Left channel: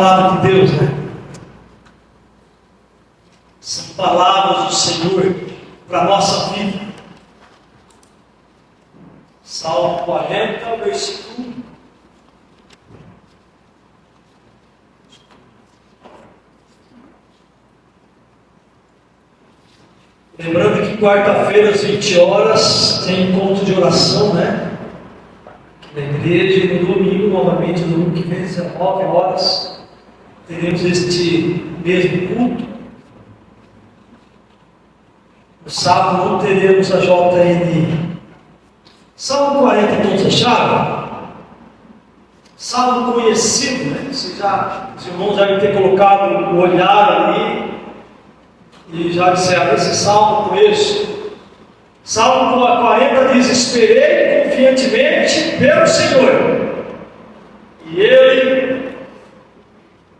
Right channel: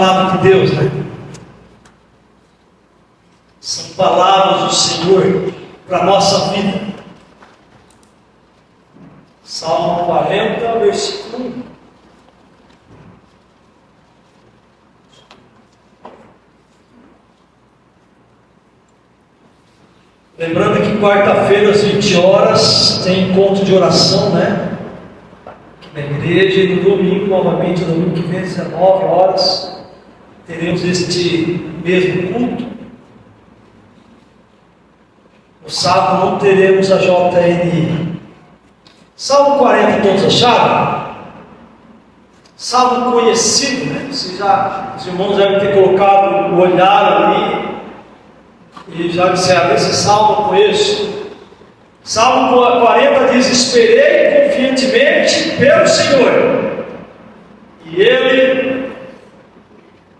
palavra de Deus, né? São palavras do Senhor para a nossa vida. Salmo 40, versículo 1. Lembrando que quarta-feira às 20 horas tem encontro de oração, né? Na igreja, e no domingo, novamente, no domingo que vem, 19 horas, teremos este mesmo culto. No sábado não teremos a JN. Salmo 40, todos acharam? Salmo conhecido, né? Os irmãos devem ter colocado o olhar ali. E já disseram, esse salmo eu conheço. Salmo 40 diz: esperei confiantemente pelo Senhor, e Ele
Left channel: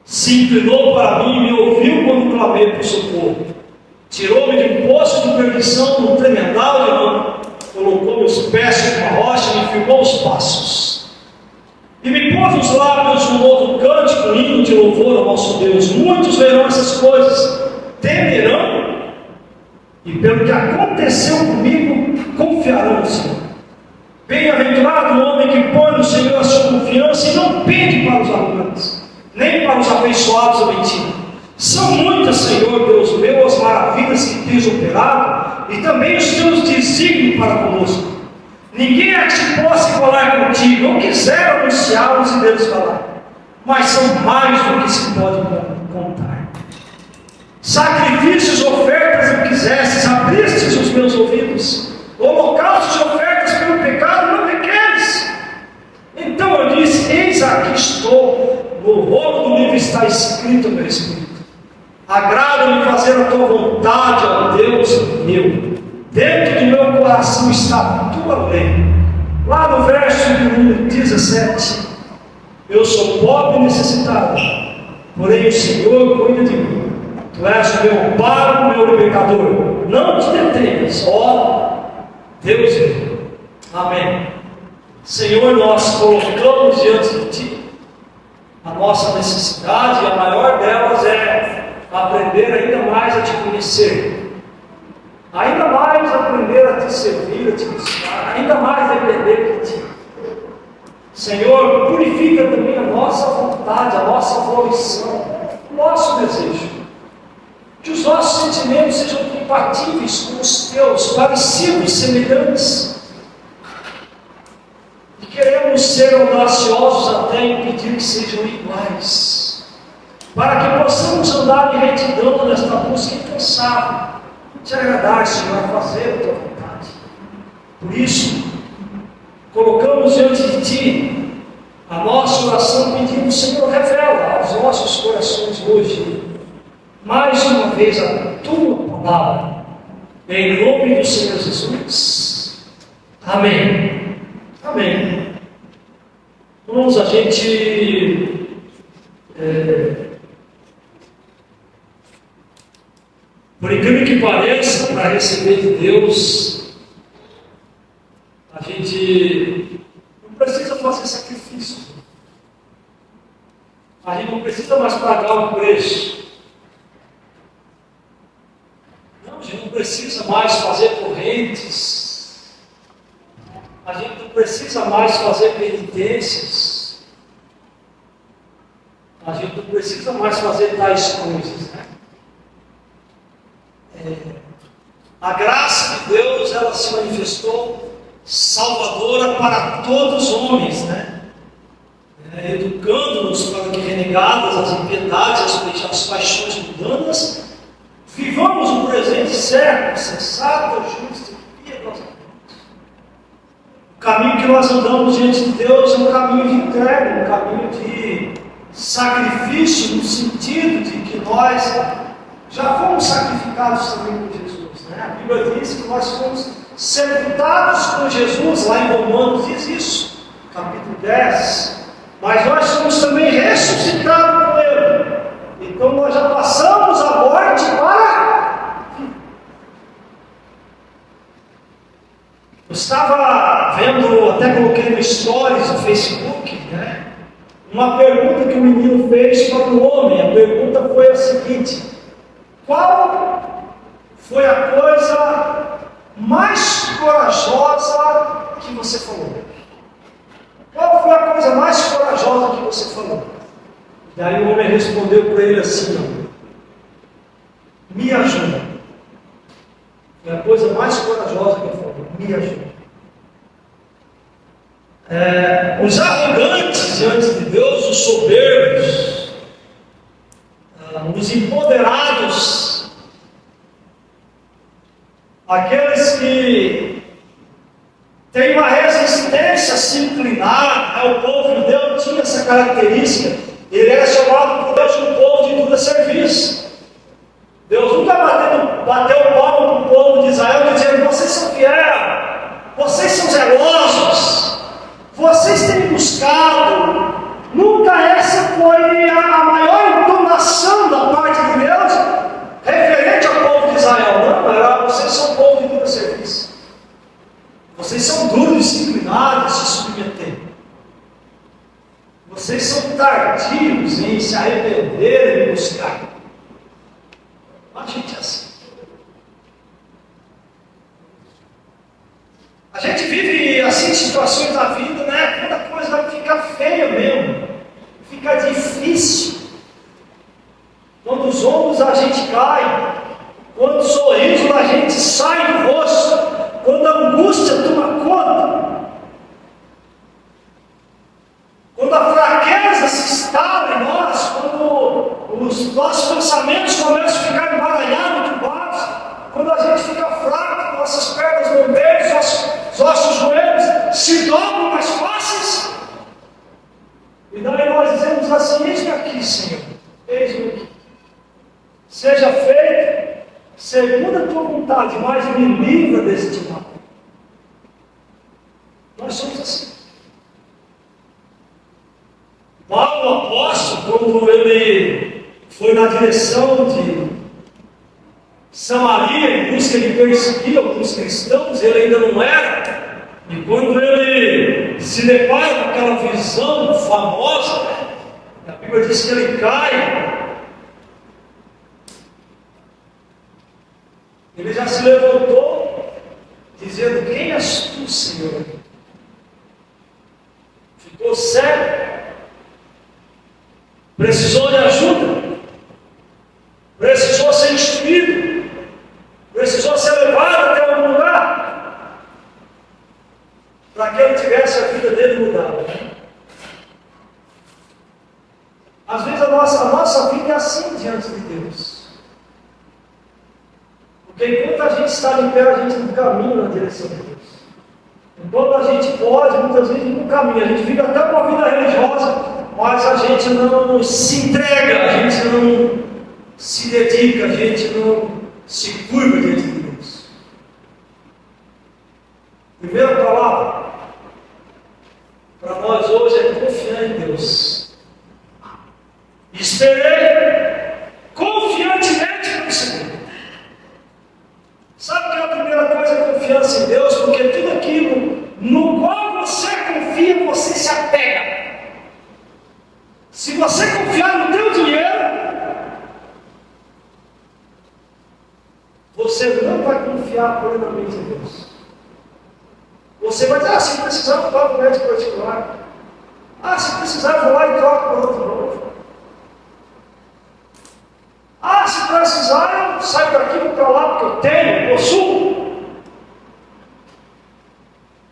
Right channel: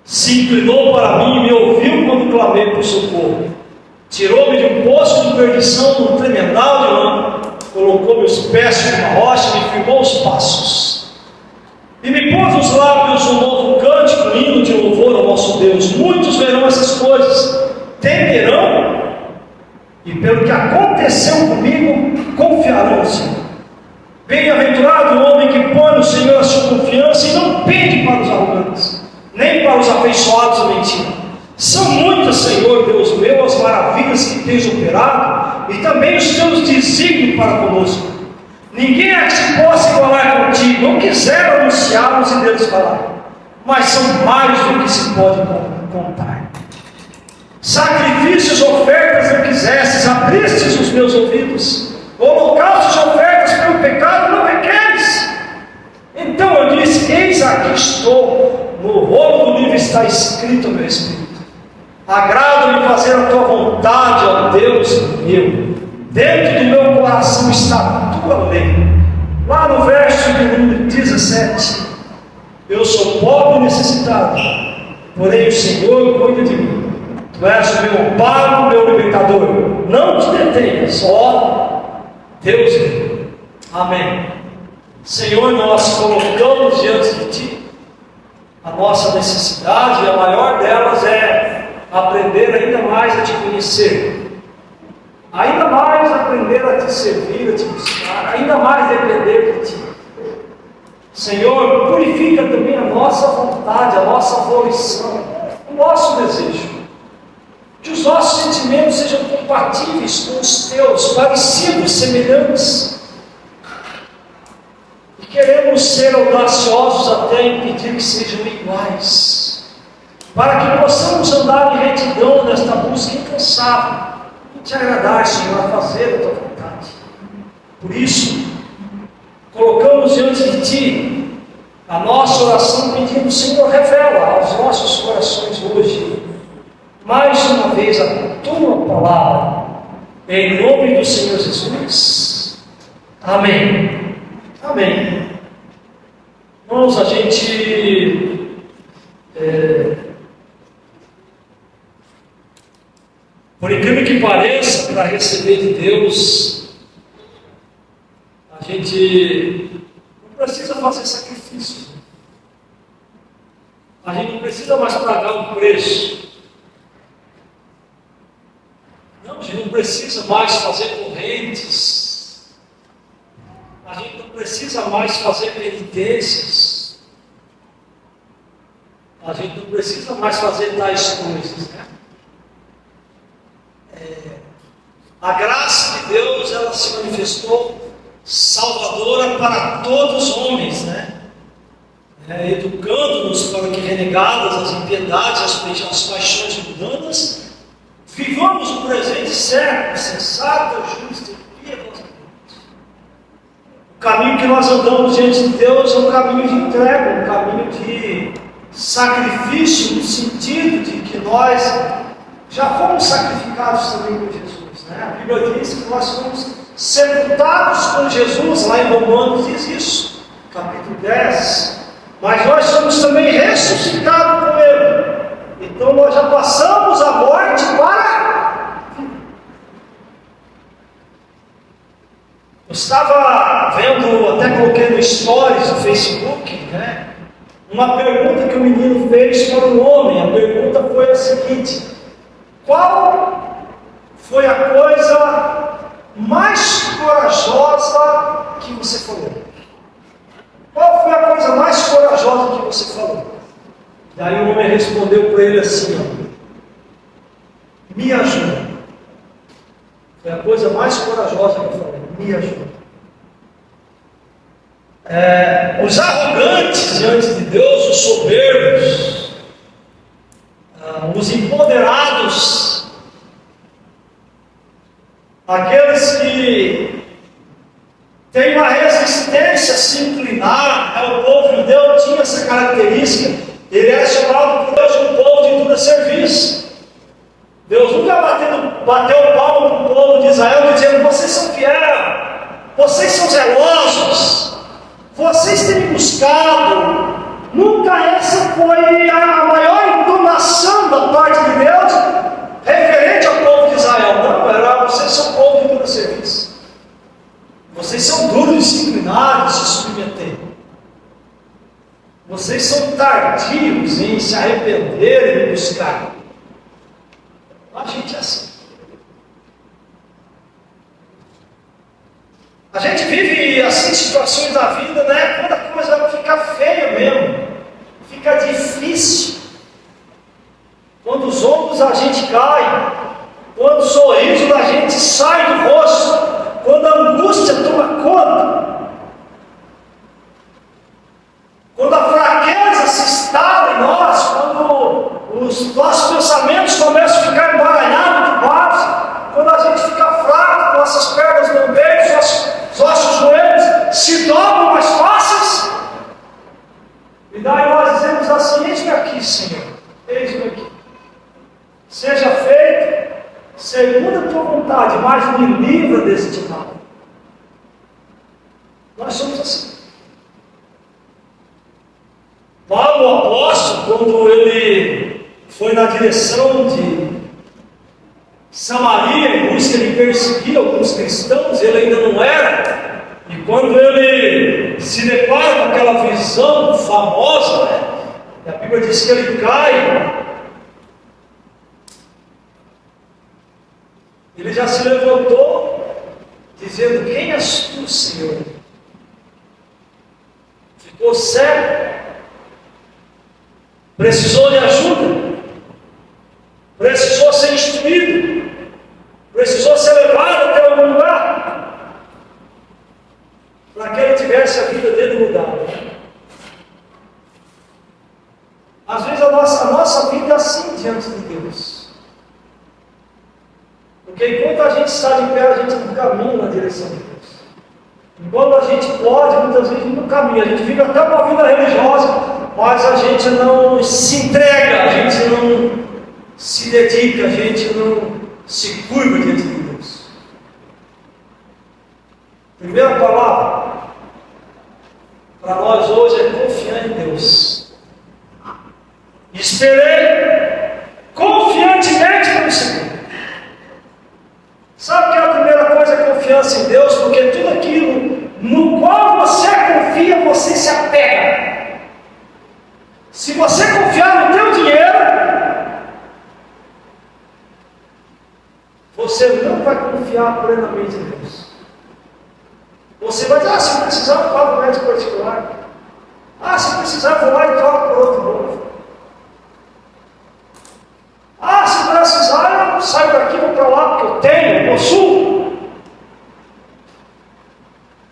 se inclinou para mim e me ouviu quando clamei por socorro. Tirou-me de um poço de perdição, num tremendal de lama, colocou meus pés sobre uma rocha e me firmou os passos. E me pôs nos lábios um novo cântico, um hino de louvor ao nosso Deus. Muitos verão essas coisas, temerão, e pelo que aconteceu comigo, confiarão no Senhor. Bem-aventurado o homem que põe no Senhor a sua confiança e não pende para os arrogantes, nem para os afeiçoados à mentira. São muitas, Senhor Deus meu, as maravilhas que tens operado, e também os teus desígnios para conosco. Ninguém é que se possa igualar contigo. Eu quisera anunciá-los e deles falar, mas são mais do que se pode contar. Sacrifícios, ofertas eu quisesses, abristes os meus ouvidos. Holocaustos e ofertas pelo pecado não requeres. Então eu disse: eis aqui estou, no rolo do livro está escrito a meu espírito. Agrada-me fazer a tua vontade, ó Deus meu. Dentro do meu coração está a tua lei. Lá no verso de número 17: eu sou pobre e necessitado, porém o Senhor cuida de mim. Tu és o meu amparo, meu libertador. Não te detenhas, ó Deus meu. Amém. Senhor, nós colocamos diante de Ti a nossa necessidade, e a maior delas é aprender ainda mais a Te conhecer, ainda mais aprender a Te servir, a Te buscar, ainda mais depender de Ti. Senhor, purifica também a nossa vontade, a nossa volição, o nosso desejo. Que os nossos sentimentos sejam compatíveis com os Teus, parecidos, semelhantes. E queremos ser audaciosos até impedir que sejam iguais, para que possamos andar em retidão nesta busca incansável, Te agradar, Senhor, a fazer a Tua vontade. Por isso, colocamos diante de Ti a nossa oração, pedindo: Senhor, revela aos nossos corações hoje, mais uma vez, a Tua palavra, em nome do Senhor Jesus. Amém. Amém. Vamos, a gente por incrível que pareça, para receber de Deus, a gente não precisa fazer sacrifício. A gente não precisa mais pagar um preço. Não, a gente não precisa mais fazer correntes. A gente não precisa mais fazer penitências. A gente não precisa mais fazer tais coisas, né? A graça de Deus, ela se manifestou salvadora para todos os homens, né? Educando-nos para que, renegadas as impiedades, as paixões mundanas, vivamos o presente certo, sensato, justo e piedosamente. O caminho que nós andamos diante de Deus é um caminho de entrega, um caminho de sacrifício, no sentido de que nós já fomos sacrificados também por Jesus, né? A Bíblia diz que nós fomos sepultados com Jesus, lá em Romanos diz isso, capítulo 10. Mas nós somos também ressuscitados com Ele. Então nós já passamos a morte para a vida. Eu estava vendo, até coloquei no Stories do Facebook, né? uma pergunta que o menino fez para o homem. A pergunta foi a seguinte: qual foi a coisa mais corajosa que você falou? Qual foi a coisa mais corajosa que você falou? Daí o homem respondeu para ele assim: ó, me ajuda. Foi a coisa mais corajosa que eu falei: me ajuda. Os arrogantes diante de Deus, os soberbos, os empoderados, aqueles que têm uma resistência a se inclinar ao povo de Deus, tinha essa característica. Ele era chamado por Deus de um povo de dura serviço. Deus nunca bateu o palmo para o povo de Israel dizendo: vocês são fiéis, vocês são zelosos, vocês têm buscado. Nunca essa foi a maior entonação da parte de Deus referente ao povo de Israel. Não, era: vocês são povo de dura serviço, vocês são duros de se inclinar, de se submeter, vocês são tardios em se arrepender e buscar. A gente é assim. A gente vive assim situações da vida, né? Quando a coisa vai ficar feia mesmo, fica difícil. Quando os ombros da gente caem, quando o sorriso da gente sai do rosto, quando a angústia toma conta, quando a fraqueza se instala em nós, quando os nossos pensamentos começam a ficar embaralhados de base, quando a gente fica fraco, nossas pernas não beijam, nossos joelhos se dobram mais fáceis, e daí nós dizemos assim: eis-me aqui, Senhor, eis-me aqui, seja feito segundo a tua vontade, mas me livra deste mal. Nós somos assim. Paulo, o apóstolo, quando ele foi na direção de Samaria em busca de perseguir alguns cristãos, ele ainda não era, e quando ele se depara com aquela visão famosa, a Bíblia diz que ele cai, ele já se levantou, dizendo: quem és tu, Senhor? Ficou cego, precisou de ajuda, precisou ser instruído, precisou ser levado até algum lugar, para que ele tivesse a vida dele mudada. Às vezes a nossa vida é assim diante de Deus, porque enquanto a gente está de pé, a gente não caminha na direção de Deus. Enquanto a gente pode, muitas vezes não caminha, a gente vive até uma vida religiosa, mas a gente não se entrega, a gente não se dedica, a gente não se curva diante de Deus. Primeira palavra para nós hoje é confiar em Deus. Esperei confiantemente pelo Senhor. Sabe o que é a primeira coisa? É confiança em Deus, porque tudo aquilo no qual você confia, você se apega. Se você confiar no teu dinheiro, você não vai confiar plenamente em Deus. Você vai dizer: se precisar, eu pago o médico particular. Se precisar, eu vou lá e troco por outro novo. Se precisar, eu saio daqui e vou para lá, porque eu tenho, eu possuo.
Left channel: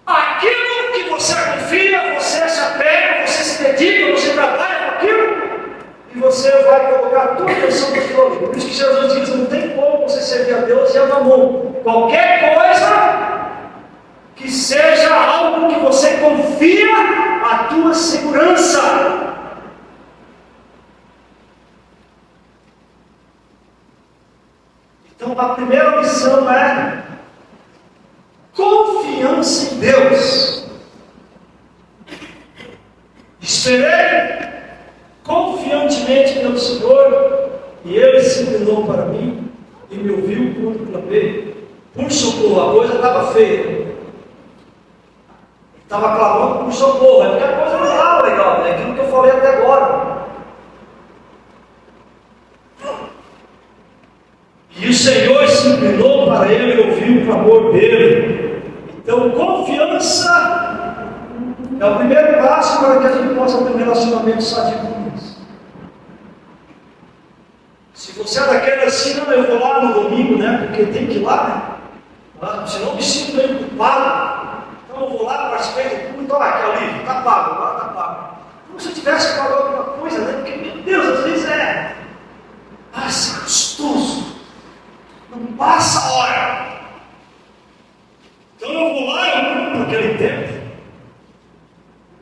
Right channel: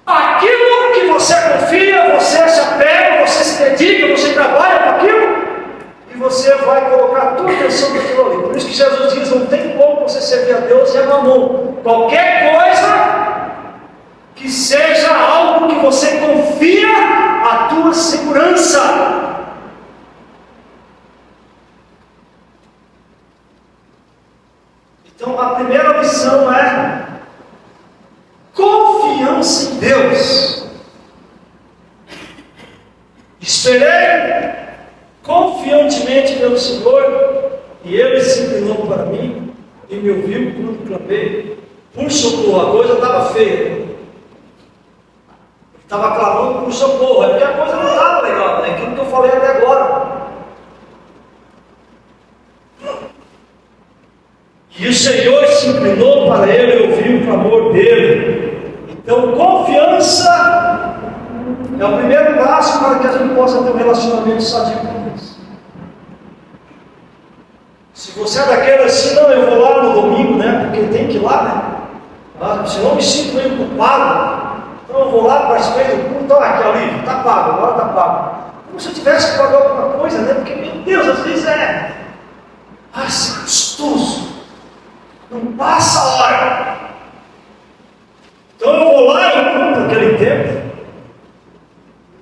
Aquilo que você confia, você se apega, você se dedica, você trabalha com aquilo, e você vai colocar a tua atenção naquilo ali. Por isso que Jesus diz: não tem como você servir a Deus e a mamon. Qualquer coisa que seja algo que você confia a tua segurança. Então a primeira lição é confiança em Deus. Esperei confiantemente pelo Senhor, e Ele se inclinou para mim e me ouviu quando clamei por socorro. A coisa estava feia. estava clamando por socorro, é porque a coisa não estava legal, é aquilo que eu falei até agora. E o Senhor se inclinou para ele e ouviu o clamor dele. Então, confiança é o primeiro passo para que a gente possa ter um relacionamento sadio com Deus. Se você é daquele assim, não, eu vou lá no domingo, né? Porque tem que ir lá, né? Senão eu me sinto meio culpado. Então eu vou lá, participei do culto, olha aqui, alívio, está pago, agora está pago. Como se eu tivesse que pagar alguma coisa, né? Porque, meu Deus, às vezes isso é gostoso. Não passa a hora. Então eu vou lá e eu cumpro aquele tempo.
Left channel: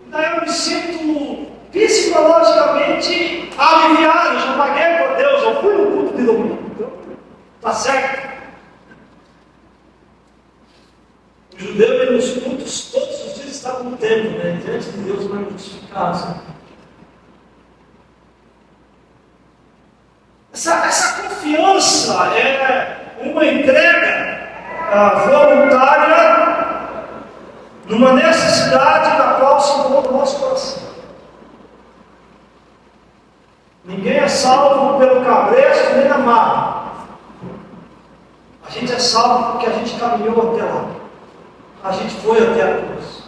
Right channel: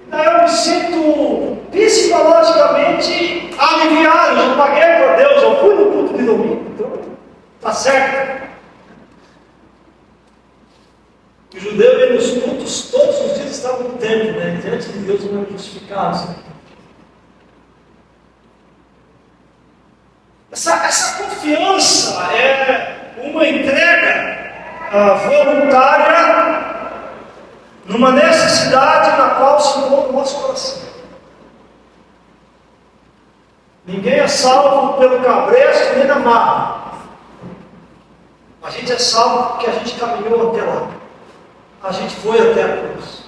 E daí eu me sinto psicologicamente aliviado. Eu já paguei para Deus, eu fui no culto de domingo, então está certo. O judeu ia nos cultos, todos os dias estava no templo, né? Diante de Deus não é justificado. Essa confiança é uma entrega voluntária numa necessidade na qual se encontra o nosso coração. Ninguém é salvo pelo cabresto nem na marra. A gente é salvo porque a gente caminhou até lá. A gente foi até a cruz.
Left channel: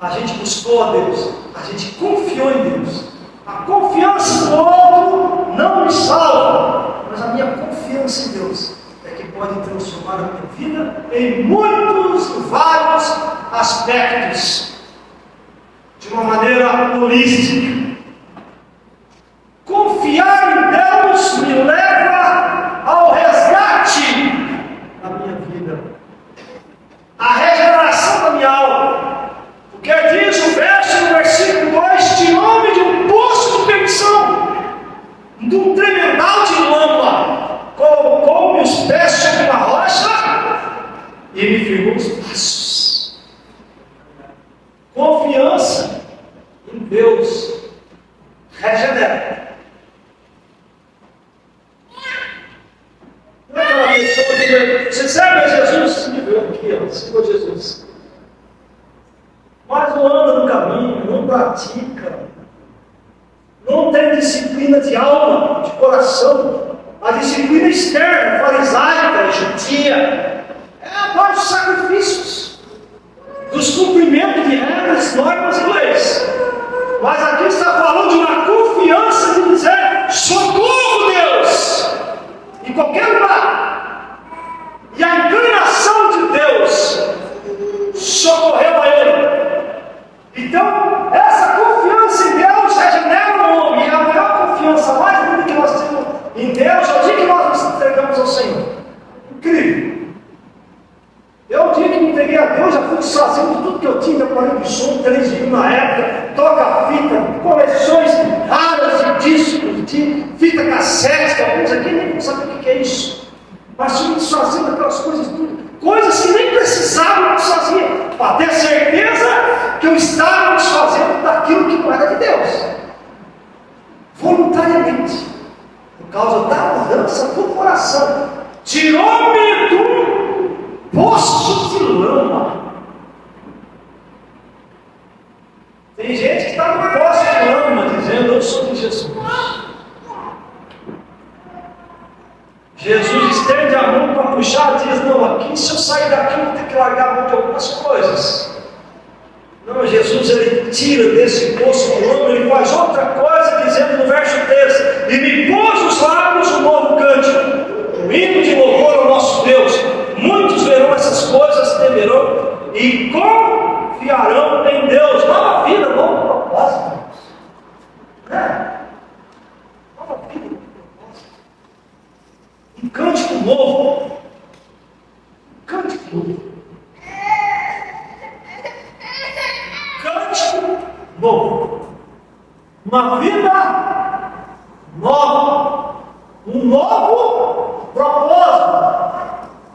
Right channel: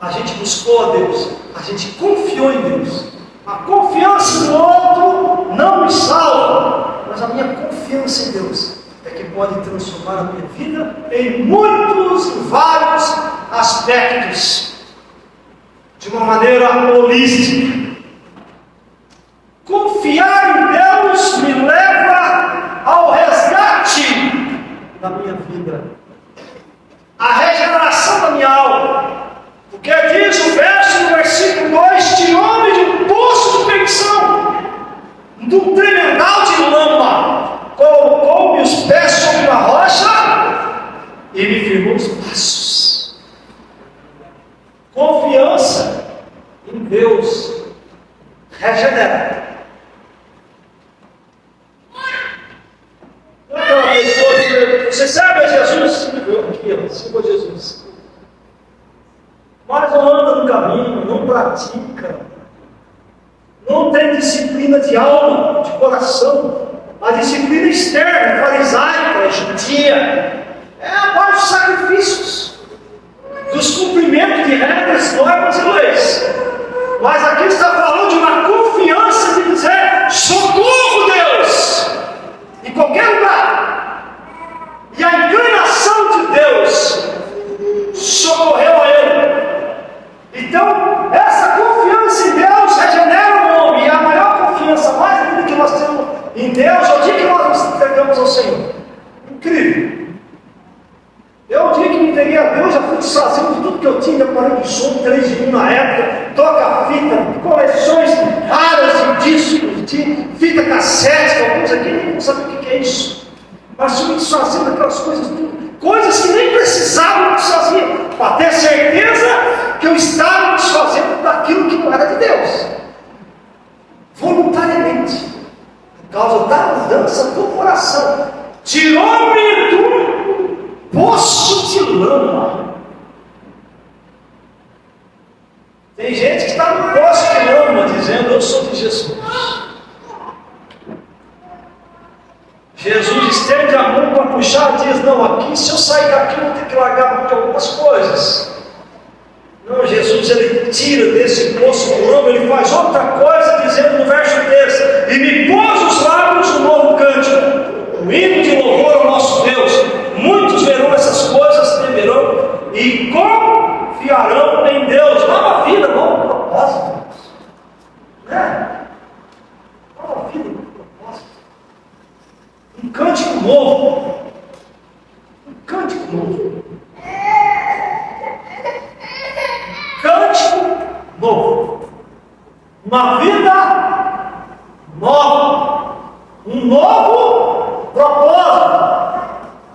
A gente buscou a Deus. A gente confiou em Deus. A confiança no outro não me salva, mas a minha confiança em Deus é que pode transformar a minha vida em muitos e vários aspectos, de uma maneira holística. Confiar em Deus me leva ao resgate da minha vida, a regeneração da minha alma. Porque diz o verso no versículo 2: tirou-me de um poço de perdição, de um tremendal de lama, colocou-me os pés sobre uma rocha e me firmou os passos. Confiança em Deus regenera. Não é aquela pessoa que você serve a Jesus? Sim, eu aqui, sigo a Jesus. Mas não anda no caminho, não pratica, não tem disciplina de alma, de coração. A disciplina externa, farisaica, judia, é a parte dos sacrifícios, dos cumprimentos de regras, normas e leis. Mas aqui está falando de uma confiança de dizer: socorro, Deus, em qualquer lugar. E a inclinação de Deus socorreu a ele. Então, essa confiança em Deus regenera o homem. E a maior confiança, mais linda que nós temos em Deus, é o dia que nós nos entregamos ao Senhor. Incrível. Eu, o dia que me entreguei a Deus, já fui desfazendo de tudo que eu tinha de aparelho de som, 3 de 1 na época, toca-fita, coleções raras de discos, de fita cassete, que alguns aqui nem sabem o que é isso. Mas fui desfazendo aquelas coisas tudo. Coisas que nem precisavam desfazer, para ter certeza que eu estava desfazendo daquilo que não era de Deus, voluntariamente, por causa da mudança do coração. Tirou-me do poço de lama. Tem gente que está no poço de lama dizendo: eu sou de Jesus. Jesus estende a mão para puxar e diz: não, aqui se eu sair daqui eu vou ter que largar mão de algumas coisas. Não, Jesus, ele tira desse poço de lama, ele faz outra coisa, dizendo no verso 3: e me pôs os lábios um novo cântico, o hino de louvor ao nosso Deus. Muitos verão essas coisas, temerão e confiarão em Deus. Nova vida, novo propósito. Né? Nova vida, novo propósito. Um cântico novo. Um cântico novo. Cântico novo. Uma vida nova. Um novo propósito.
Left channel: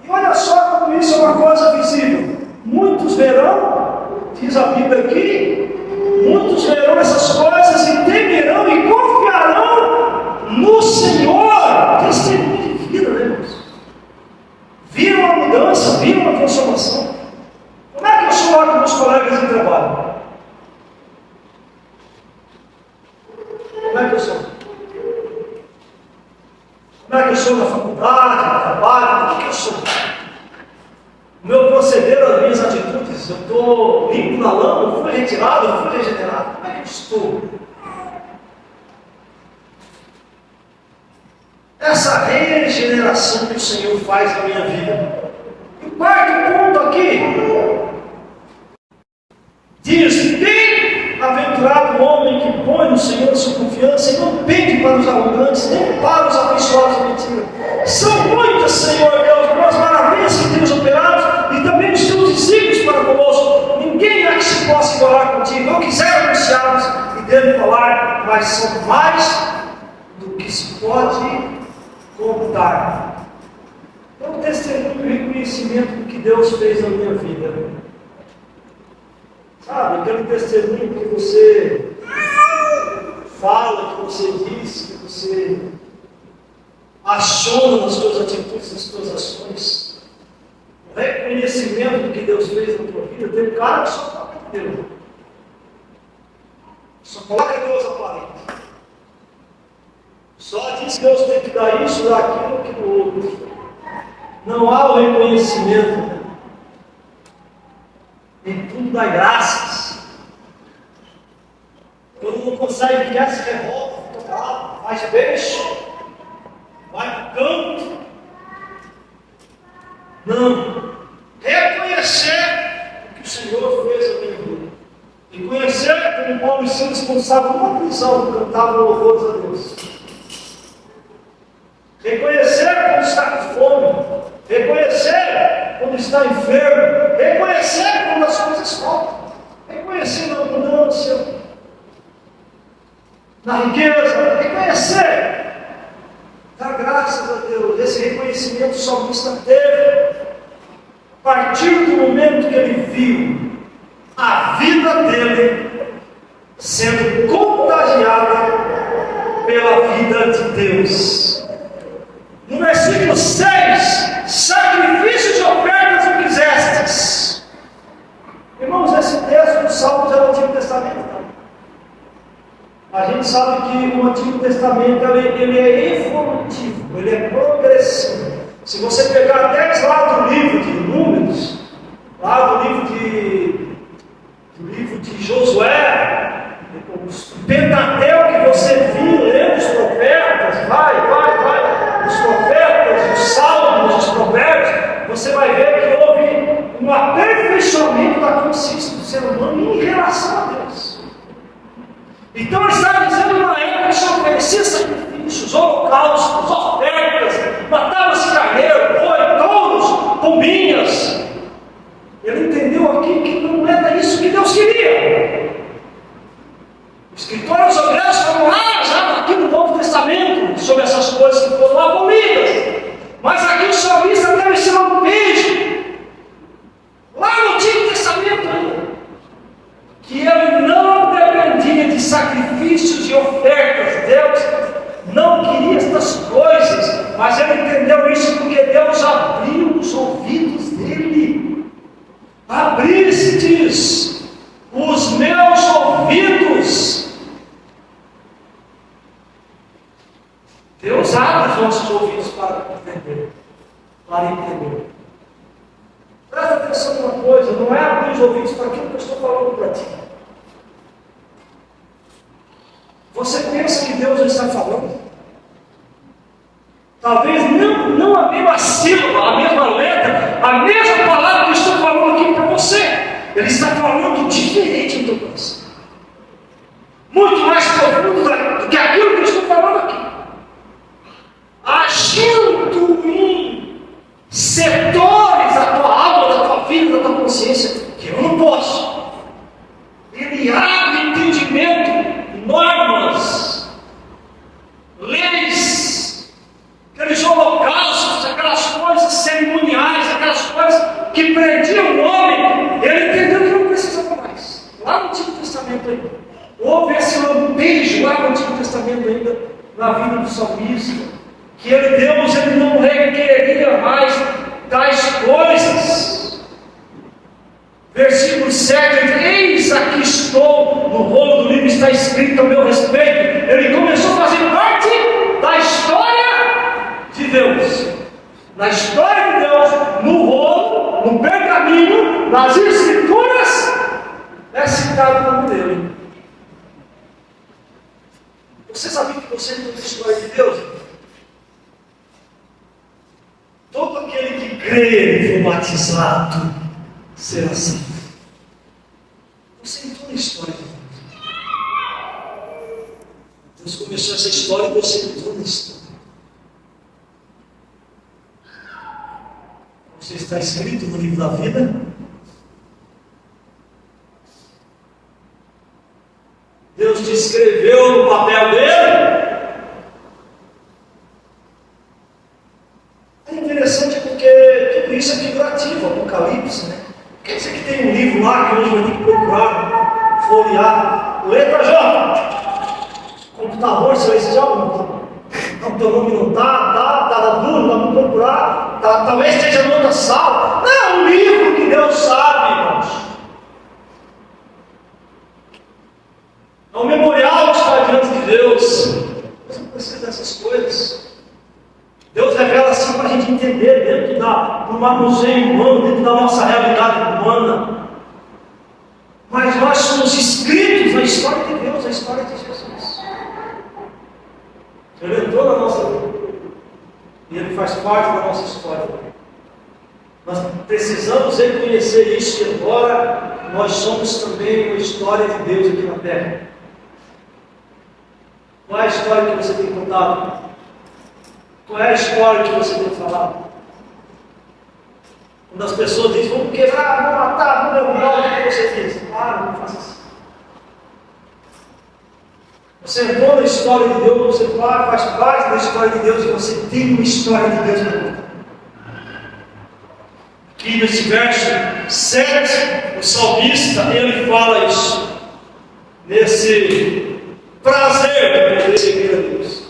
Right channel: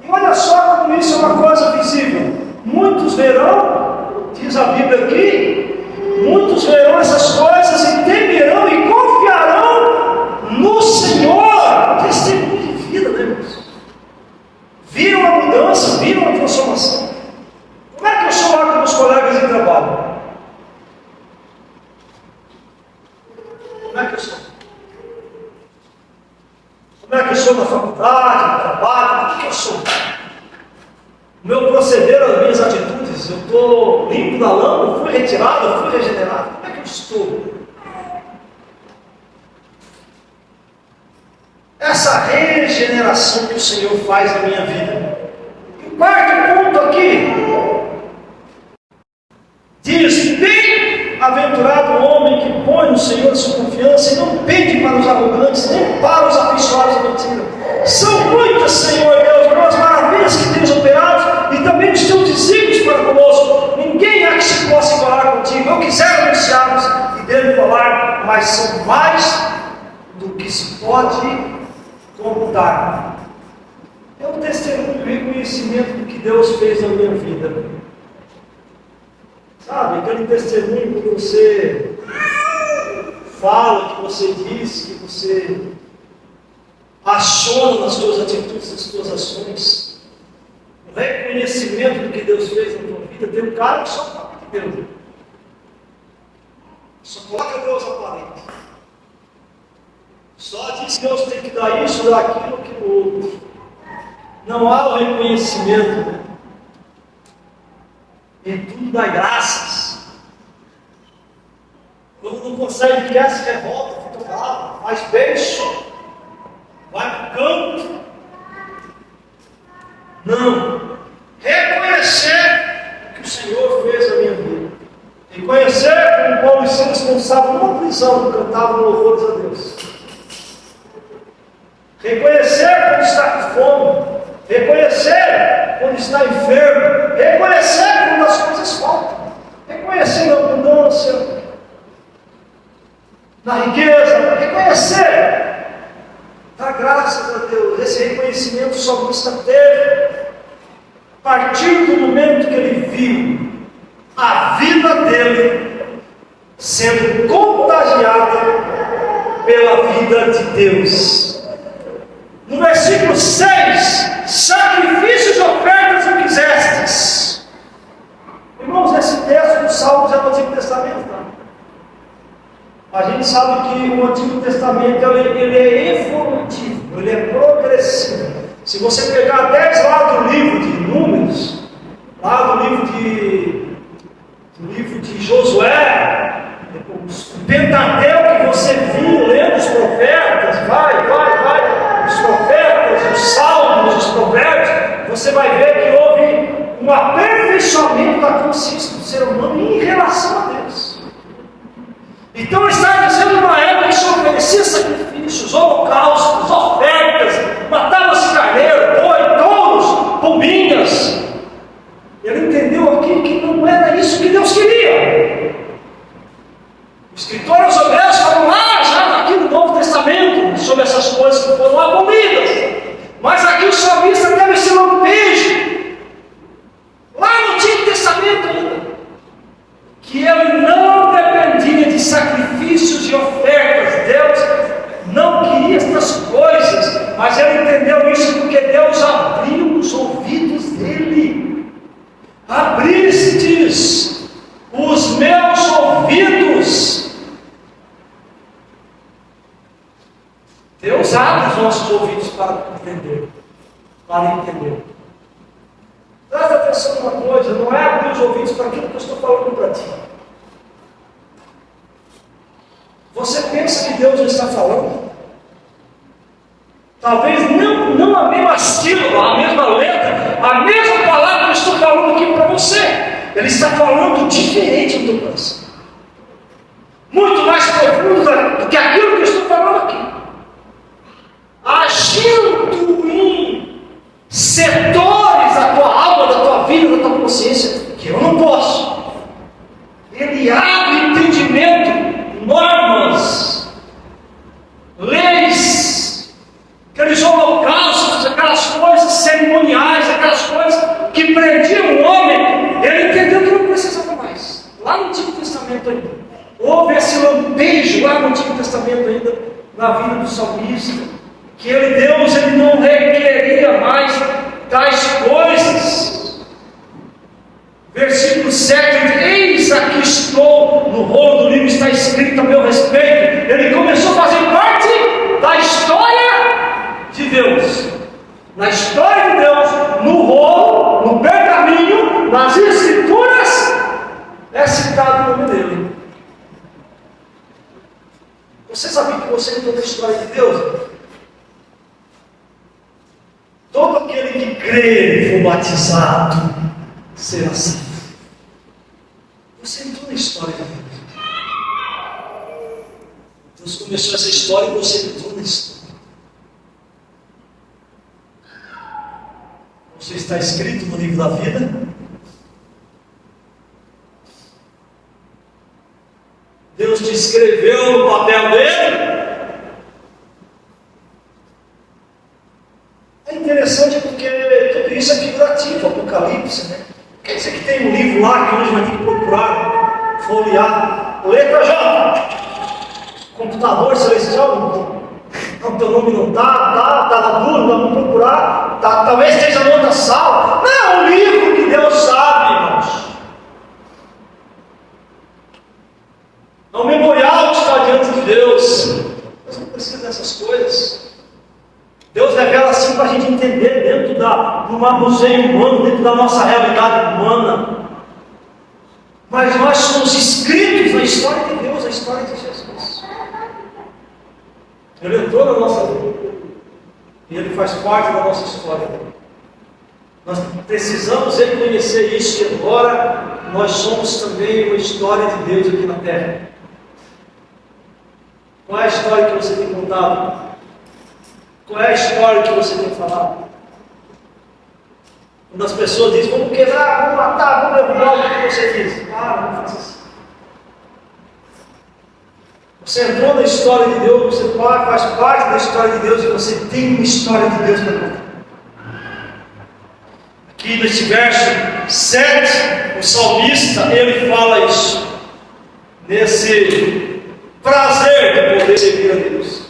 E olha só como isso é uma coisa visível. Muitos verão, diz a Bíblia aqui, muitos verão essas coisas e temerão e confiarão no Senhor. Testemunho de vida, né, irmãos? Viram a mudança, viram a transformação. Como é que eu sou lá com os colegas de trabalho? sou? O meu proceder, as minhas atitudes, eu estou limpo da lama, eu fui retirado, eu fui regenerado? Como é que eu estou? Essa regeneração que o Senhor faz na minha vida. E o quarto ponto aqui diz: bem-aventurado o homem que põe no Senhor a sua confiança e não pede para os arrogantes, nem para os abençoados da mentira. São muitas, Senhor Deus, boas maravilhas que temos operado e também os teus desígnios para conosco. Ninguém há que se possa igualar contigo. Eu quisera anunciá-los e devo falar, mas são mais do que se pode contar. É um testemunho e reconhecimento do que Deus fez na minha vida. Sabe, aquele testemunho que você fala, que você diz, que você aciona nas suas atitudes, nas suas ações. O reconhecimento do que Deus fez na tua vida. Tem um cara que só fala de Deus. Só coloca Deus aparente. Só diz que Deus tem que dar isso, dar aquilo, que no outro. Não há o reconhecimento. E tudo dá graças. Quando não consegue quer, se revolta, fica bravo, faz beijo, vai para o canto. Não. Reconhecer o que o Senhor fez na minha vida. Reconhecer como Paulo e Silas, quando estavam numa prisão, cantavam louvores a Deus. Reconhecer quando está com fome. Reconhecer quando está enfermo. Reconhecer quando as coisas faltam. Reconhecer na abundância, na riqueza. Reconhecer. Dá graças a Deus. Esse reconhecimento o salmista teve a partir do momento que ele viu a vida dele sendo contagiada pela vida de Deus. No versículo 6, sacrifícios e ofertas o quisestes. Irmãos, esse texto do Salmos é do Antigo Testamento. A gente sabe que o Antigo Testamento ele é evolutivo, ele é progressivo. Se você pegar 10 lá do livro de Números, lá do livro de Josué, o Pentateuco que você viu lendo os profetas, os profetas, os salmos, os provérbios, você vai ver que houve um aperfeiçoamento da consciência do ser humano em relação a Deus. Então ele está dizendo uma época que se oferecia sacrifícios, holocaustos, ofertas, matava-se carneiro, boi, touros, pombinhas. Ele entendeu aqui que não era isso que Deus queria. O escritor aos Hebreus falou lá, já aqui no Novo Testamento, sobre essas coisas que foram abolidas. Mas aqui o salmista teve esse lampejo, lá no Antigo Testamento ainda, que ele não dependia de sacrifícios e ofertas. Deus não queria estas coisas, mas ele entendeu isso porque Deus abriu os ouvidos dele. Abristes os meus ouvidos. Deus abre os nossos ouvidos para entender. Presta atenção numa coisa, não é abrir os ouvidos para aquilo que eu estou falando para ti. Você pensa que Deus não está falando? Talvez não a mesma sílaba, a mesma letra, a mesma palavra que eu estou falando aqui para você. Ele está falando diferente do teu coração. Muito mais profundo do que aquilo que eu estou falando aqui. Agindo em setores da tua alma, da tua vida, da tua consciência, que eu não posso. Ele abre entendimento, normas, leis, aqueles holocaustos, aquelas coisas cerimoniais, aquelas coisas que prendiam o homem. Ele entendeu que não precisava mais. Lá no Antigo Testamento ainda houve esse lampejo, lá no Antigo Testamento ainda, na vida do salmista, que Deus não requeria mais tais coisas. Versículo 7, eis aqui estou, no rolo do livro está escrito a meu respeito. Ele começou a fazer parte da história de Deus. Na história de Deus, no rolo, no pergaminho, nas escrituras, é citado o nome dele. Você sabia que você entrou na história de Deus? Todo aquele que crê e for batizado será salvo. Você entrou na história de Deus. Deus começou essa história e você entrou na história. Você está escrito no livro da vida. Deus te escreveu no papel dele. É interessante porque tudo isso é figurativo, Apocalipse, né? Quer dizer que tem um livro lá que hoje vai ter que procurar, folhear, letra J. Computador celestial, não, teu nome não tá duro, vamos procurar, talvez esteja em outra sala. Não, é um livro que Deus sabe, irmãos. É um memorial que está diante de Deus. Deus não precisa dessas coisas. Deus revela assim para a gente entender dentro do manuseio humano, dentro da nossa realidade humana. Mas nós somos inscritos na história de Deus, na história de Jesus. Ele entrou na nossa vida e ele faz parte da nossa história. Nós precisamos reconhecer isso, que agora nós somos também uma história de Deus aqui na terra. Qual é a história que você tem contado? Qual é a história que você tem falado? Quando as pessoas dizem, vamos quebrar, vamos matar, vamos derrubar, o que você diz? Não faça assim. Você entrou na história de Deus, você faz parte da história de Deus e você tem uma história de Deus para contar. Aqui nesse verso 7, o salmista, ele fala isso, nesse prazer de poder servir a Deus.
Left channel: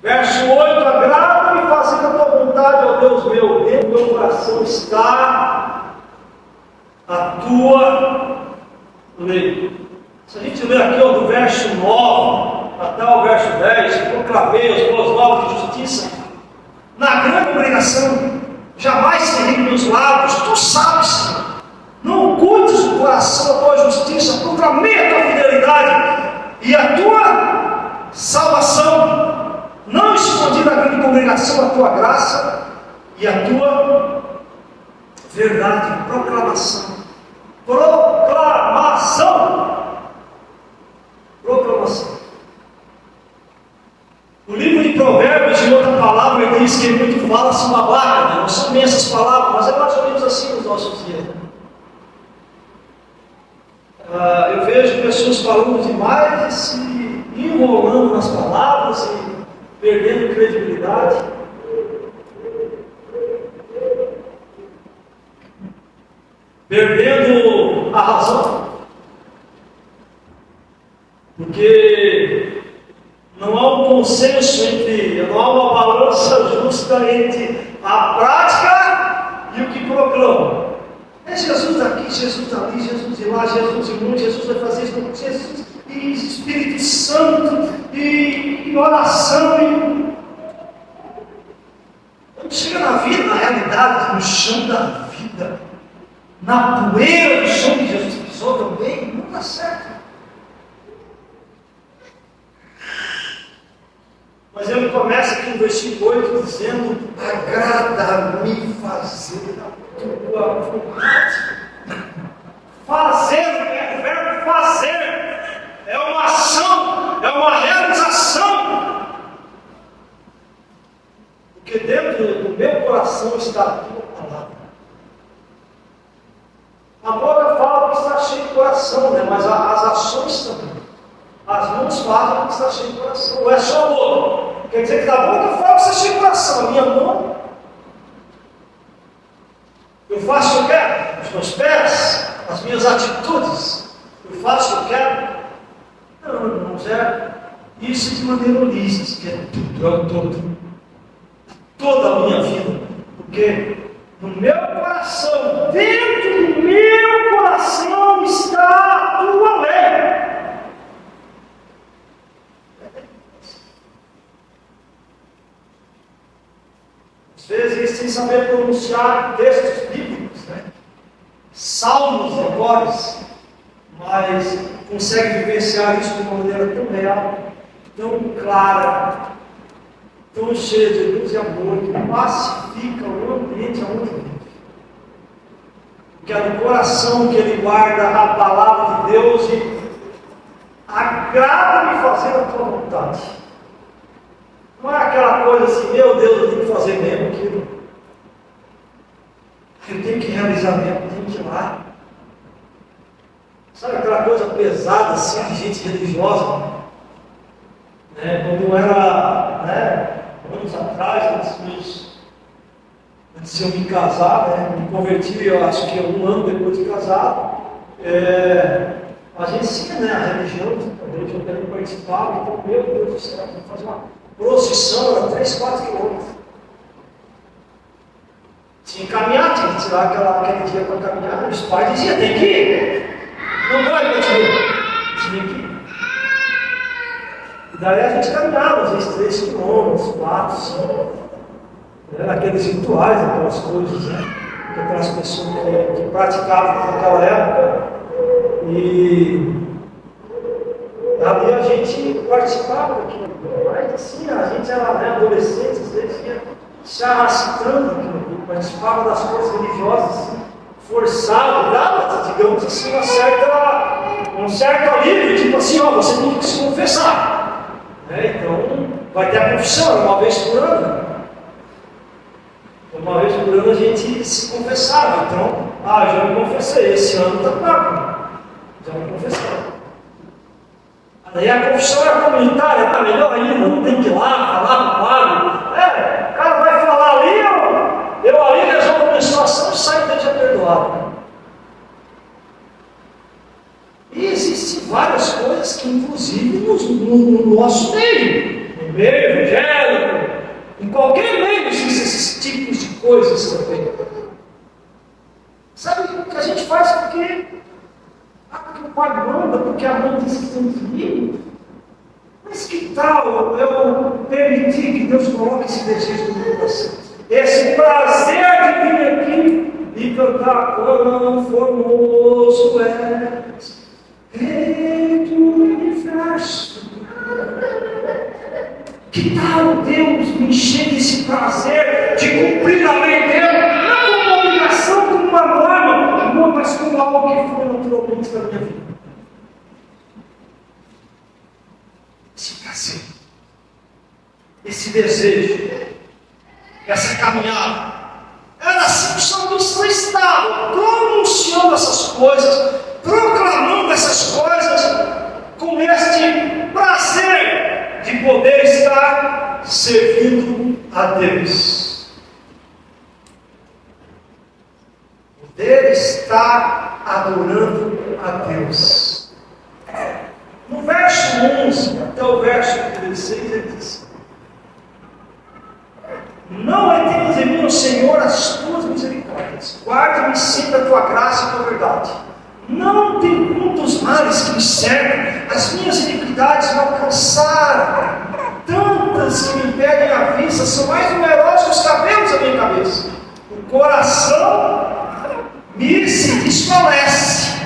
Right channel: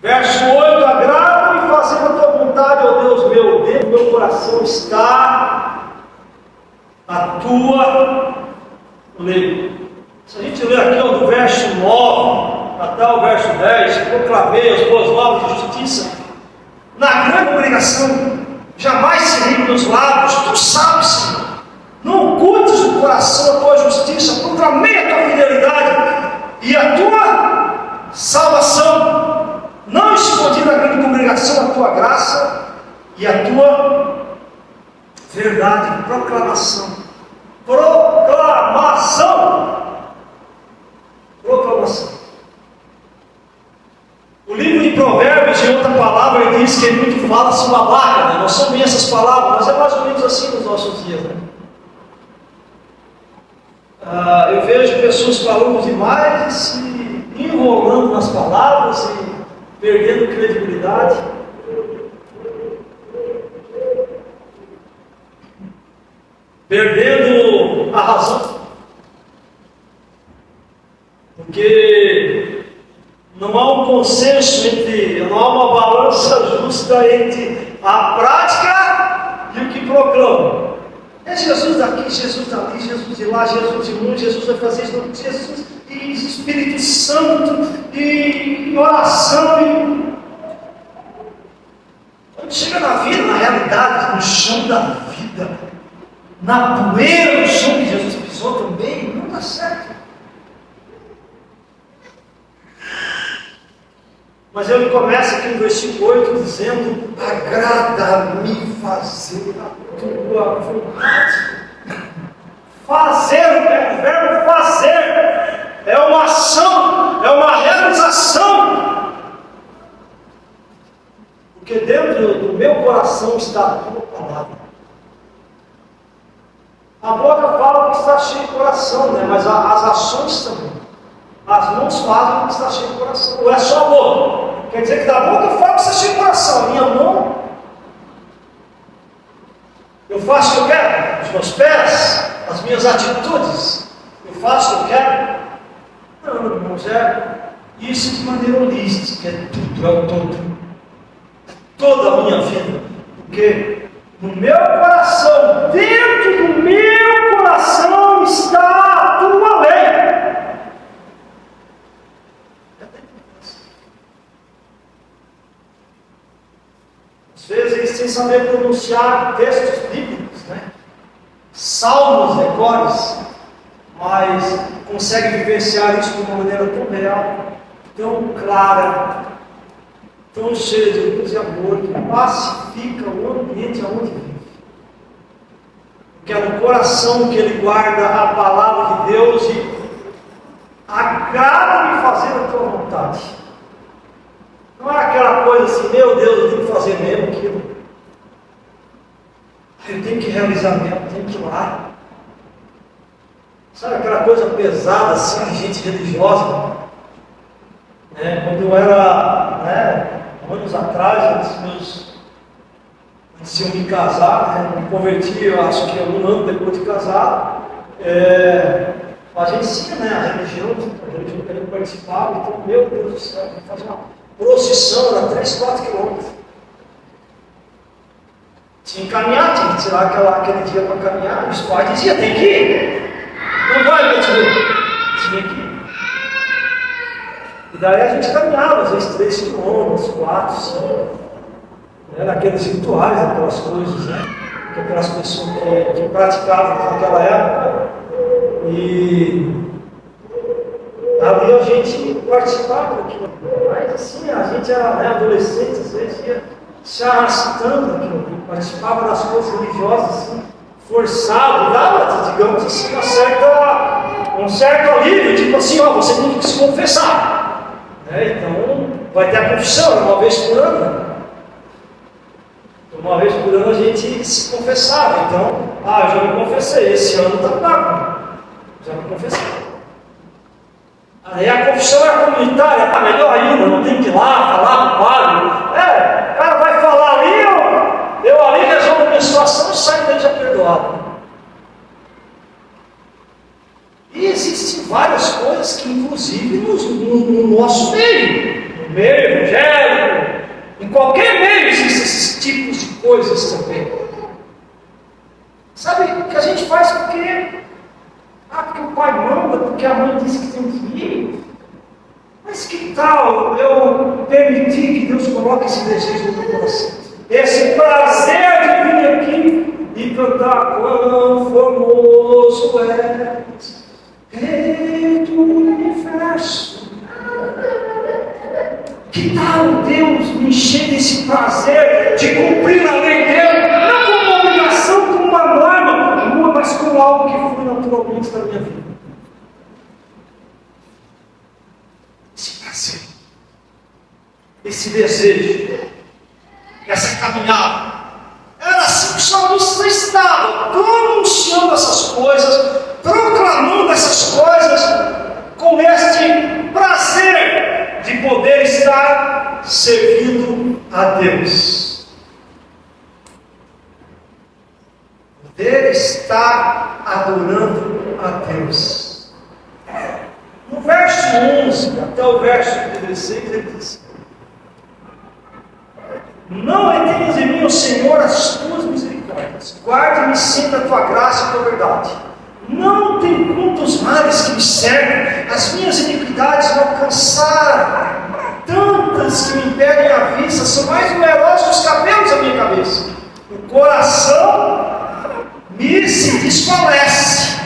Verso 8, agrada-me fazer a tua vontade, ó Deus meu, dentro do meu coração está a tua lei. Se a gente ler aqui ó, do verso 9 até o verso 10, proclamei as boas novas de justiça, na grande congregação, jamais se ri nos lábios, tu sabes, Senhor, não ocultes o coração a tua justiça, proclamei a tua fidelidade e a tua salvação, não escondi na grande congregação a tua graça e a tua verdade, proclamação. O livro de Provérbios, em outra palavra, ele diz que ele muito fala-se uma barra, né? Não são bem essas palavras, mas é mais ou menos assim nos nossos dias. Né? Eu vejo pessoas falando demais e se enrolando nas palavras e perdendo credibilidade. Perdendo a razão. Porque não há um consenso não há uma balança justa entre a prática e o que proclama. É Jesus daqui, Jesus dali, Jesus de lá, Jesus de um, Jesus vai fazer isso, Jesus e Espírito Santo e oração. Quando chega na vida, na realidade, no chão da vida, na poeira do chão que Jesus pisou também, não dá certo. Mas ele começa aqui no versículo 8 dizendo: agrada-me fazer a tua vontade. Fazer, o verbo fazer é uma ação, é uma realização. Porque dentro do meu coração está a tua palavra. A boca fala que está cheio de coração, né? Mas as ações também. As mãos fazem que está cheio de coração. Ou é só a boca? Quer dizer que da boca fala que está cheio de coração. A minha mão, eu faço o que eu quero. Os meus pés, as minhas atitudes, eu faço o que eu quero. Não, irmãos, é isso de maneira holística. É tudo, é o todo. Toda a minha vida. Porque no meu coração, dentro do meu coração está a tua lei. Às vezes existem saber pronunciar textos bíblicos, né? Salmos, decores, mas consegue vivenciar isso de uma maneira tão real, tão clara, tão cheia de luz e amor, que pacifica o ambiente onde vive. Porque é no coração que ele guarda a palavra de Deus e agrada-me fazer a tua vontade. Não é aquela coisa assim, meu Deus, eu tenho que fazer mesmo aquilo. Eu tenho que realizar mesmo, eu tenho que ir lá. Sabe aquela coisa pesada assim, de gente religiosa? Quando eu era, anos atrás, antes de eu me casar, me converti, eu acho que 1 ano depois de casar, a gente tinha a religião que eu participava, então, meu Deus do céu, vamos fazer uma procissão, era 3, 4 quilômetros. Tinha que caminhar, tinha que tirar aquele dia para caminhar, os pais diziam, tem que ir, não vai continuar, tinha que ir. E daí a gente caminhava, às vezes 3 quilômetros, 4, 5. Era aqueles rituais, aquelas coisas, que aquelas pessoas que praticavam naquela época. E ali a gente participava daquilo. Mas assim, a gente era adolescente, às vezes ia se arrastando aquilo, participava das coisas religiosas, assim, forçado, dava, digamos assim, um certo alívio, tipo assim, você tem que se confessar. Então, vai ter a confissão, uma vez por ano. Uma vez por ano a gente se confessava. Então, eu já me confessei, esse ano está pago. Já me confessei. Aí a confissão é comunitária, melhor ainda, não tem que ir lá falar com o padre. O cara vai falar ali, eu ali resolvo a minha situação e saio dele já perdoado. E existem várias coisas que, inclusive, no nosso meio, no meio evangélico, em qualquer meio existem esses tipos de coisas também. Sabe, que a gente faz porque o pai manda, porque a mãe disse que tem que ir. Mas que tal eu permitir que Deus coloque esse desejo no meu coração? Esse prazer de vir aqui e cantar quão formoso és, Rei do universo. Que tal Deus me encher desse prazer de cumprir a lei dele, não como uma obrigação, como uma norma, mas como algo que foi naturalmente da minha vida? Esse prazer, esse desejo, essa caminhada, era assim que o salmista estava, pronunciando essas coisas, proclamando essas coisas, com este prazer de poder estar servindo a Deus. Poder estar adorando a Deus. No verso 11 até o verso 16 ele diz: não retenhas em mim, ó Senhor, as tuas misericórdias, guarda-me sempre a tua graça e a tua verdade. Não tem conta os males que me cercam, as minhas iniquidades me alcançaram, tantas que me impedem a vista, são mais numerosos que os cabelos da minha cabeça. O coração me se desfalece.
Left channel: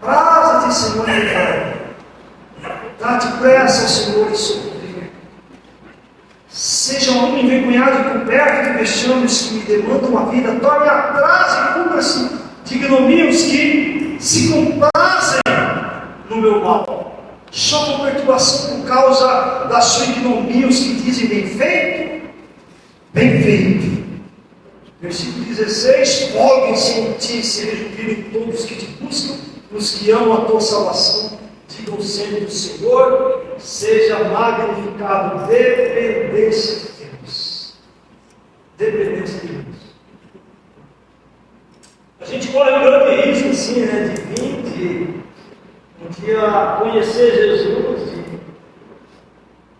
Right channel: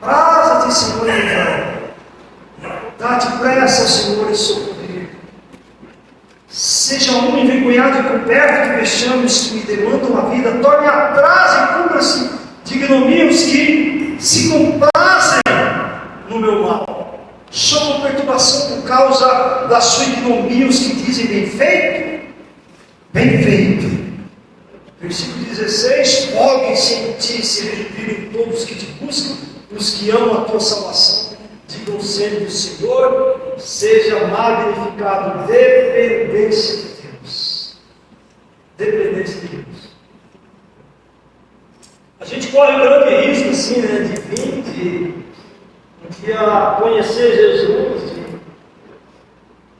Praza-te, Senhor, em livrar. Dá-te pressa, Senhor, em socorrer. Seja um envergonhado e coberto de vexames que me demandam a vida, torne atrás e cubra-se de ignomínios que se complacem no meu mal. Chamam perturbação por causa da sua ignomia os que dizem bem feito. Bem feito. Versículo 16: folguem-se em ti, se revivirem todos que te buscam, os que amam a tua salvação. Digam sempre do Senhor, seja magnificado. Dependência de Deus. Dependência de Deus. A gente corre um grande risco assim, de vir, de um dia conhecer Jesus, de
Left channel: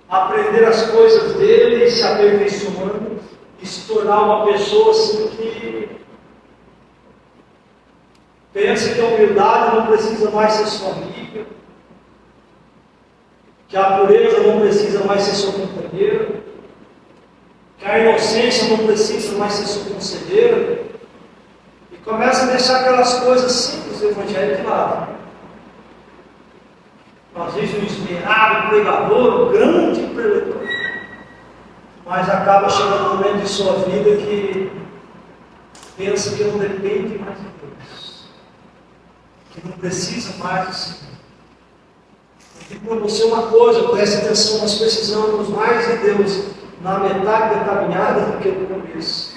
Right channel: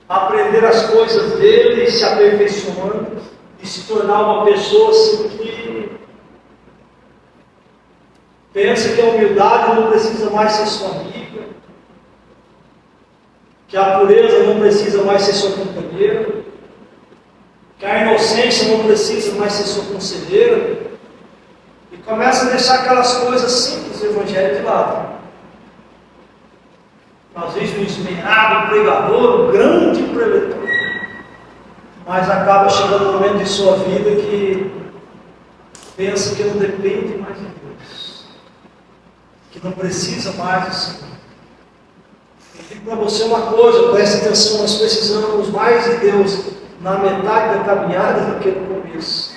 aprender as coisas dele, se aperfeiçoando e se tornar uma pessoa assim que pensa que a humildade não precisa mais ser sua amiga, que a pureza não precisa mais ser sua companheira, que a inocência não precisa mais ser sua conselheira, e começa a deixar aquelas coisas simples do Evangelho de lado. Às vezes um esmerado pregador, um grande preletor, mas acaba chegando um momento de sua vida que pensa que não depende mais de Deus, que não precisa mais do Senhor. Eu digo para você uma coisa, preste atenção, nós precisamos mais de Deus na metade da caminhada do que no começo.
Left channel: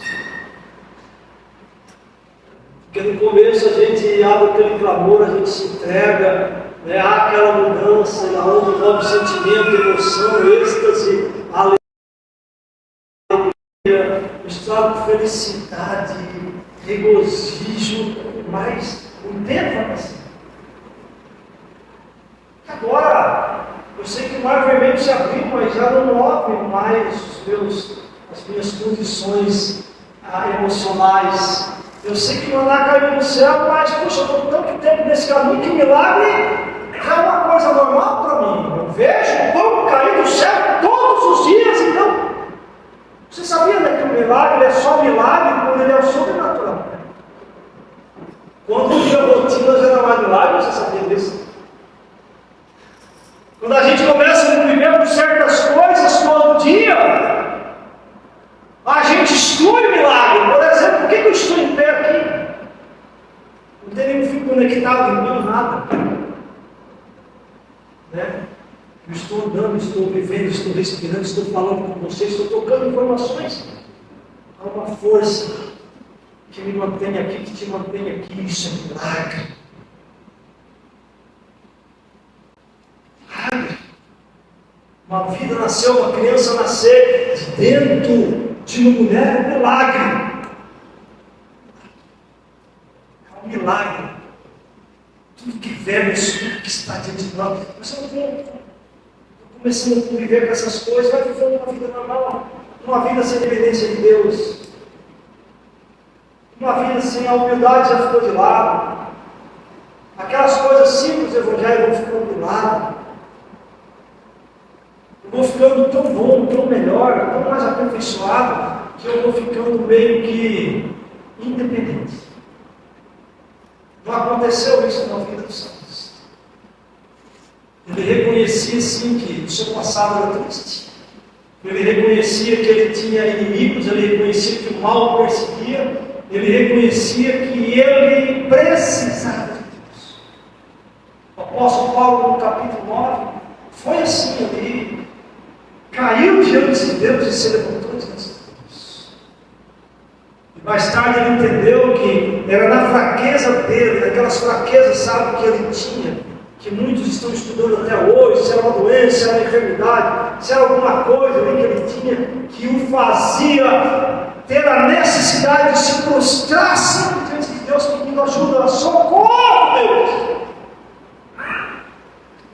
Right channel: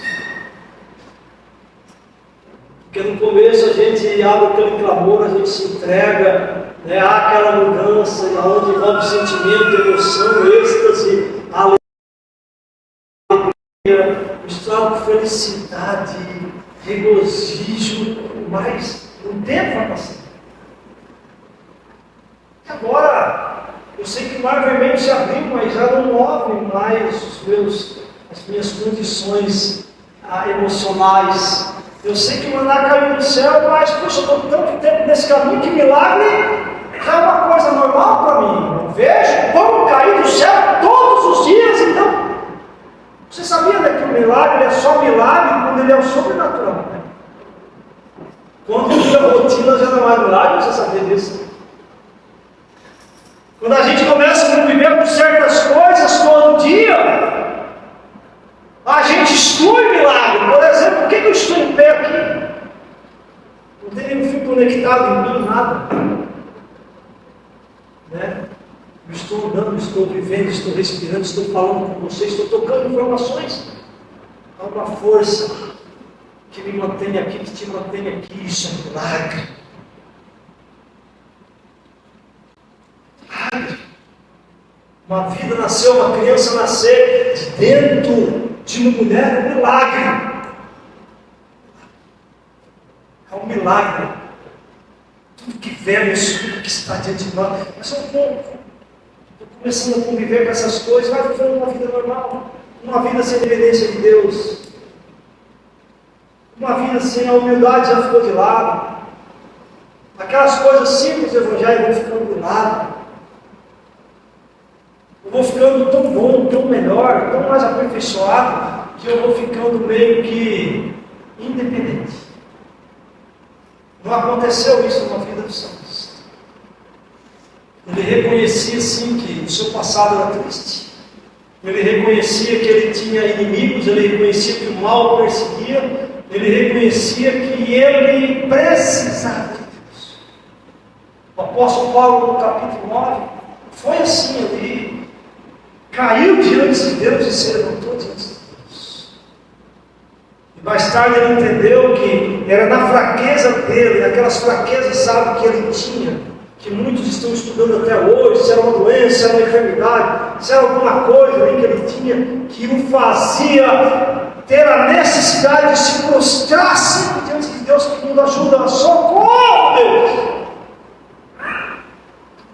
Porque no começo a gente abre aquele clamor, a gente se entrega, né? Há aquela mudança, onde envolve sentimento, emoção, êxtase, alegria, misturado com felicidade, regozijo, mas o tempo vai passar. Agora, eu sei que o mar vermelho se abriu, mas já não move mais as minhas condições emocionais. Eu sei que o maná caiu do céu, mas, poxa, eu estou tanto tempo nesse caminho que milagre já é uma coisa normal para mim. Eu vejo pão cair do céu todos os dias, então. Você sabia, né, que o milagre é só milagre quando ele é o sobrenatural, né? Quando vira rotina já não é mais milagre, você sabia disso? Quando a gente começa a conviver com certas coisas todo dia, a gente exclui o milagre. Por exemplo, por que eu estou em pé aqui? Não tem nenhum fio conectado em mim, nada. Né? Eu estou andando, estou vivendo, estou respirando, estou falando com vocês, estou tocando informações. Há uma força que me mantém aqui, que te mantém aqui. Isso é um milagre. Uma vida nasceu, uma criança nascer de dentro de uma mulher, é um milagre. É um milagre. Tudo que vemos, tudo que está diante de nós. Mas eu estou começando a conviver com essas coisas, vai vivendo uma vida normal, uma vida sem dependência de Deus, uma vida sem a humildade já ficou de lado. Aquelas coisas simples do Evangelho vão ficando de lado. Eu vou ficando tão bom, tão melhor, tão mais aperfeiçoado, que eu vou ficando meio que independente. Não aconteceu isso na vida dos santos. Ele reconhecia sim que o seu passado era triste. Ele reconhecia que ele tinha inimigos, ele reconhecia que o mal o perseguia, ele reconhecia que ele precisava de Deus. O apóstolo Paulo, no capítulo 9, foi assim ali. Caiu diante de Deus e se levantou diante de Deus. E mais tarde ele entendeu que era na fraqueza dele, naquelas fraquezas, sabe, que ele tinha, que muitos estão estudando até hoje, se era uma doença, se era uma enfermidade, se era alguma coisa ali que ele tinha, que o fazia ter a necessidade de se prostrar sempre diante de Deus, pedindo ajuda. Socorro, Deus!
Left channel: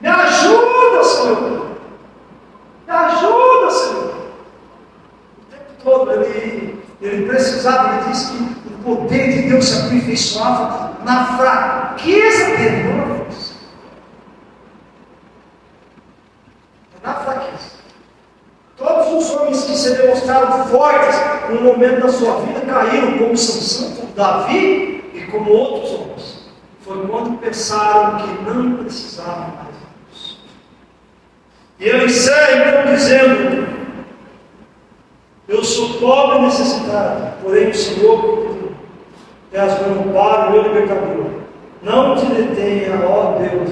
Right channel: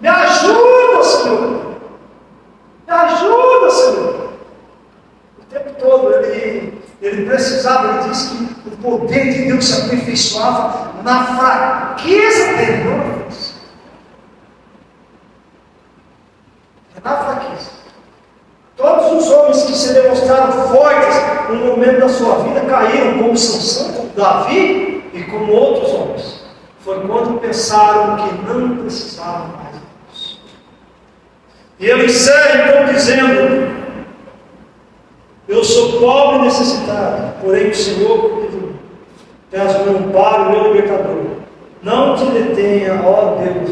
Me ajuda, Senhor! Me ajuda, Senhor! O tempo todo ele precisava, ele disse que o poder de Deus se aperfeiçoava na fraqueza dele, não na força. É na fraqueza. Todos os homens que se demonstraram fortes no momento da sua vida caíram, como Sansão, como Davi e como outros homens. Foi quando pensaram que não precisavam mais. E ele encerra então dizendo: eu sou pobre e necessitado, porém o Senhor cuida de mim. Peço meu amparo, meu libertador. Não te detenha, ó Deus.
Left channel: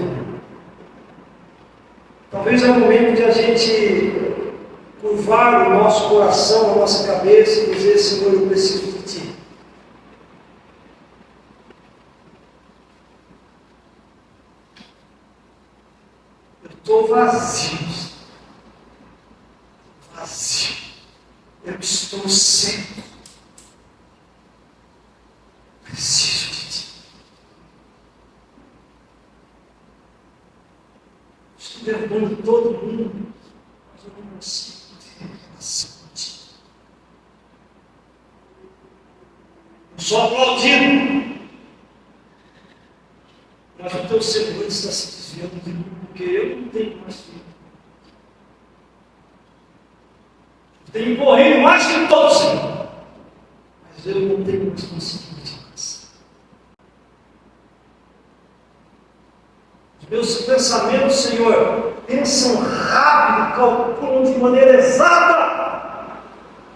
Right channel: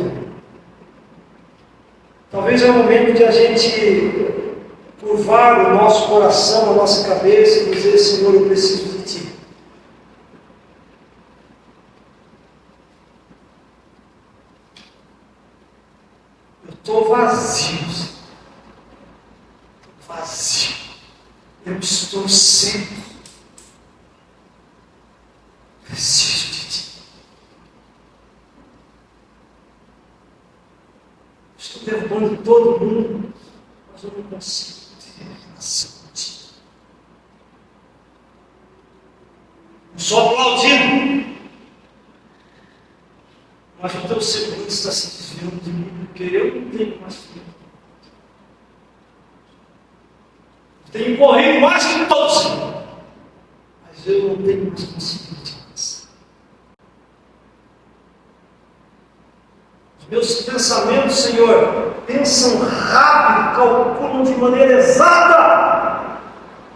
Talvez é o momento de a gente curvar o nosso coração, a nossa cabeça e dizer: Senhor, eu preciso de Ti. Eu estou vazio. Vazio. Eu estou seco. Preciso de Ti. Estou derrubando todo mundo, mas eu não consigo ter relação contigo. Eu sou aplaudido, mas o Teu semblante está se desviando de mim, porque eu não tenho mais filho. Tenho corrido mais que todos. Mas eu não tenho mais conseguido te alcançar. Os meus pensamentos, Senhor, pensam rápido, calculam de maneira exata,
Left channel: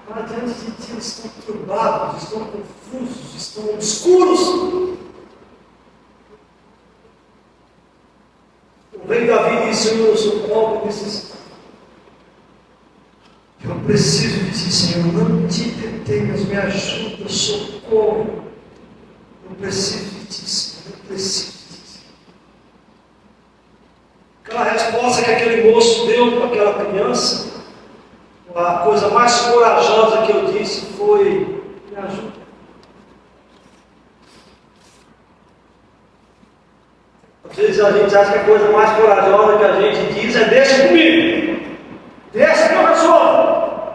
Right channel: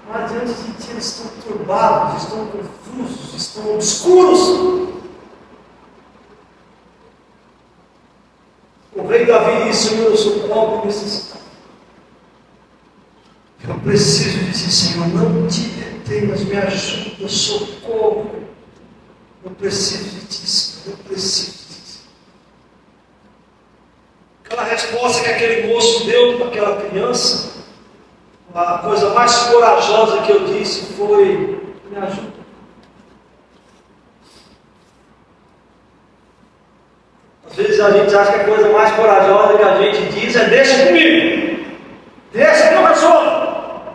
mas diante de Ti eles estão turbados, estão confusos, estão obscuros. O rei Davi disse: Senhor, eu sou pobre e necessitado. Eu preciso de Ti, Senhor, não te detenhas, me ajuda, socorro. Eu preciso de Ti, Senhor, eu preciso de Ti. Aquela resposta que aquele moço deu para aquela criança, a coisa mais corajosa que eu disse foi: me ajuda. Às vezes a gente acha que a coisa mais corajosa que a gente diz é: deixa comigo, deixa que eu resolvo,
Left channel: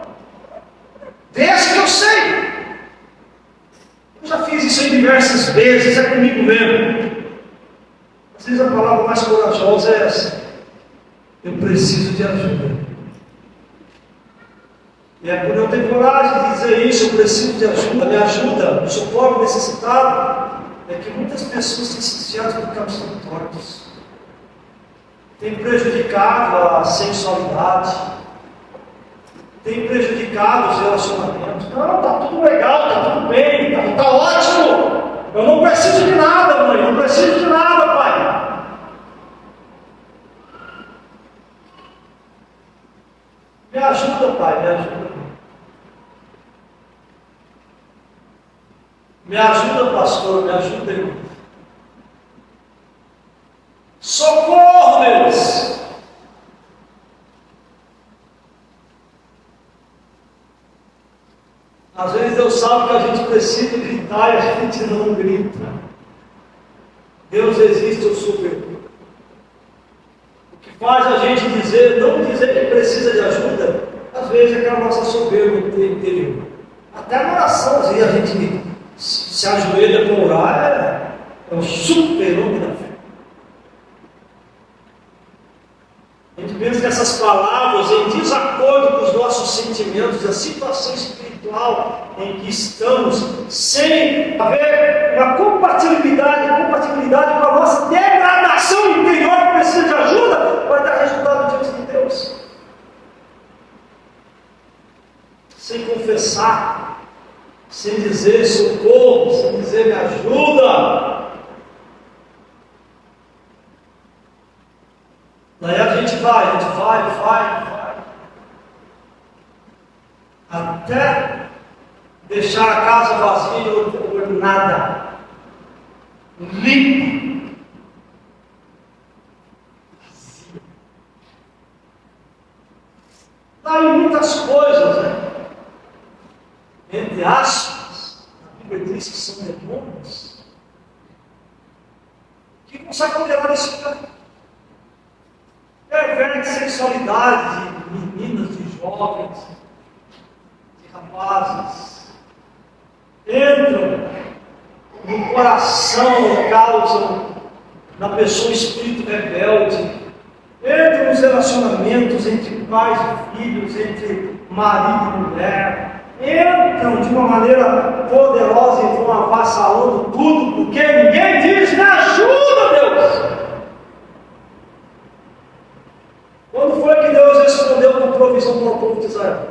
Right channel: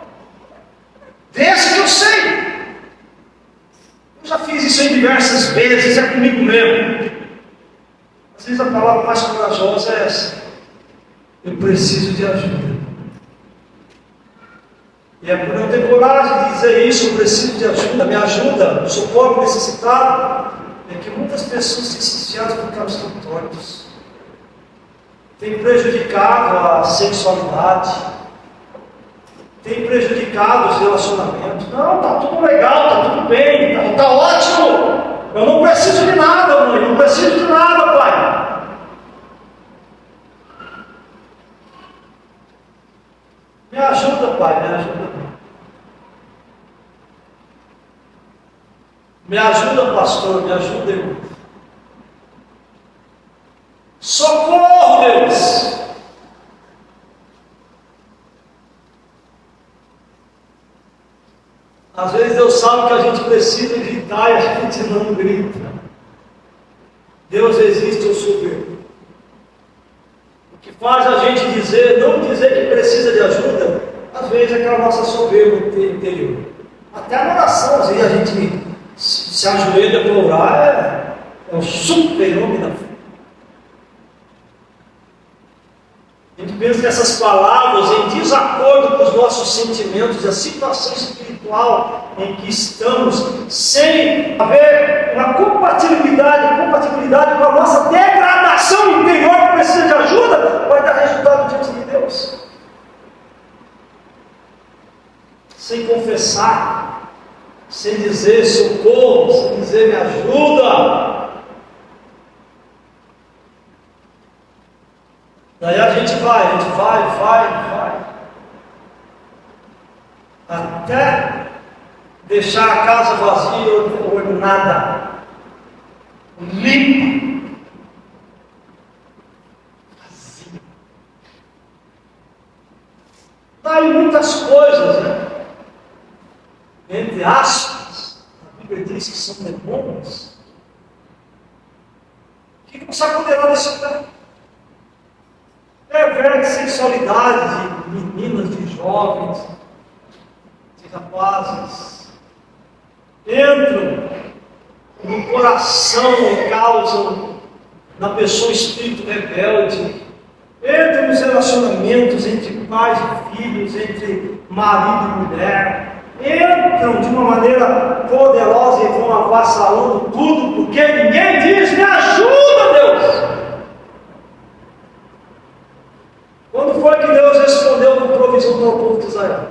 deixa que eu sei. Eu já fiz isso em diversas vezes, é comigo mesmo. Às vezes a palavra mais corajosa é essa: eu preciso de ajuda. E é por não ter coragem de dizer isso, eu preciso de ajuda, me ajuda, eu sou pobre, necessitado, é que muitas pessoas têm se desviado por caminhos tortos, têm prejudicado a sexualidade, têm prejudicado os relacionamentos. Não, está tudo legal, está tudo bem, está ótimo, eu não preciso de nada, mãe, não preciso de nada, pai. Me ajuda, pai, me ajuda. Me ajuda, pastor, me ajuda, irmão. Socorro, Deus! Às vezes Deus sabe que a gente precisa gritar e a gente não grita. Deus existe, eu sou soberano. O que faz a gente não dizer que precisa de ajuda, às vezes é aquela nossa soberba interior. Até na oração, às vezes a gente se ajoelha para orar, é um super-homem da fé. A gente pensa que essas palavras, em desacordo com os nossos sentimentos, a situação espiritual em que estamos, sem haver uma compatibilidade com a nossa degradação interior que precisa de ajuda, vai dar resultado diante de Deus. Sem confessar, sem dizer socorro, sem dizer me ajuda. Daí a gente vai, até deixar a casa vazia, ornada, limpa, vazia. Daí muitas coisas, né? Entre aspas, a Bíblia diz que são demônios, que não se apoderam desse lugar. Perverte sexualidade de meninas, de jovens, de rapazes, entram no coração, causam na pessoa espírito rebelde, entram nos relacionamentos entre pais e filhos, entre marido e mulher, entram de uma maneira poderosa e vão avassalando tudo, porque ninguém diz: me ajuda, Deus. Quando foi que Deus respondeu com provisão para o povo de Israel?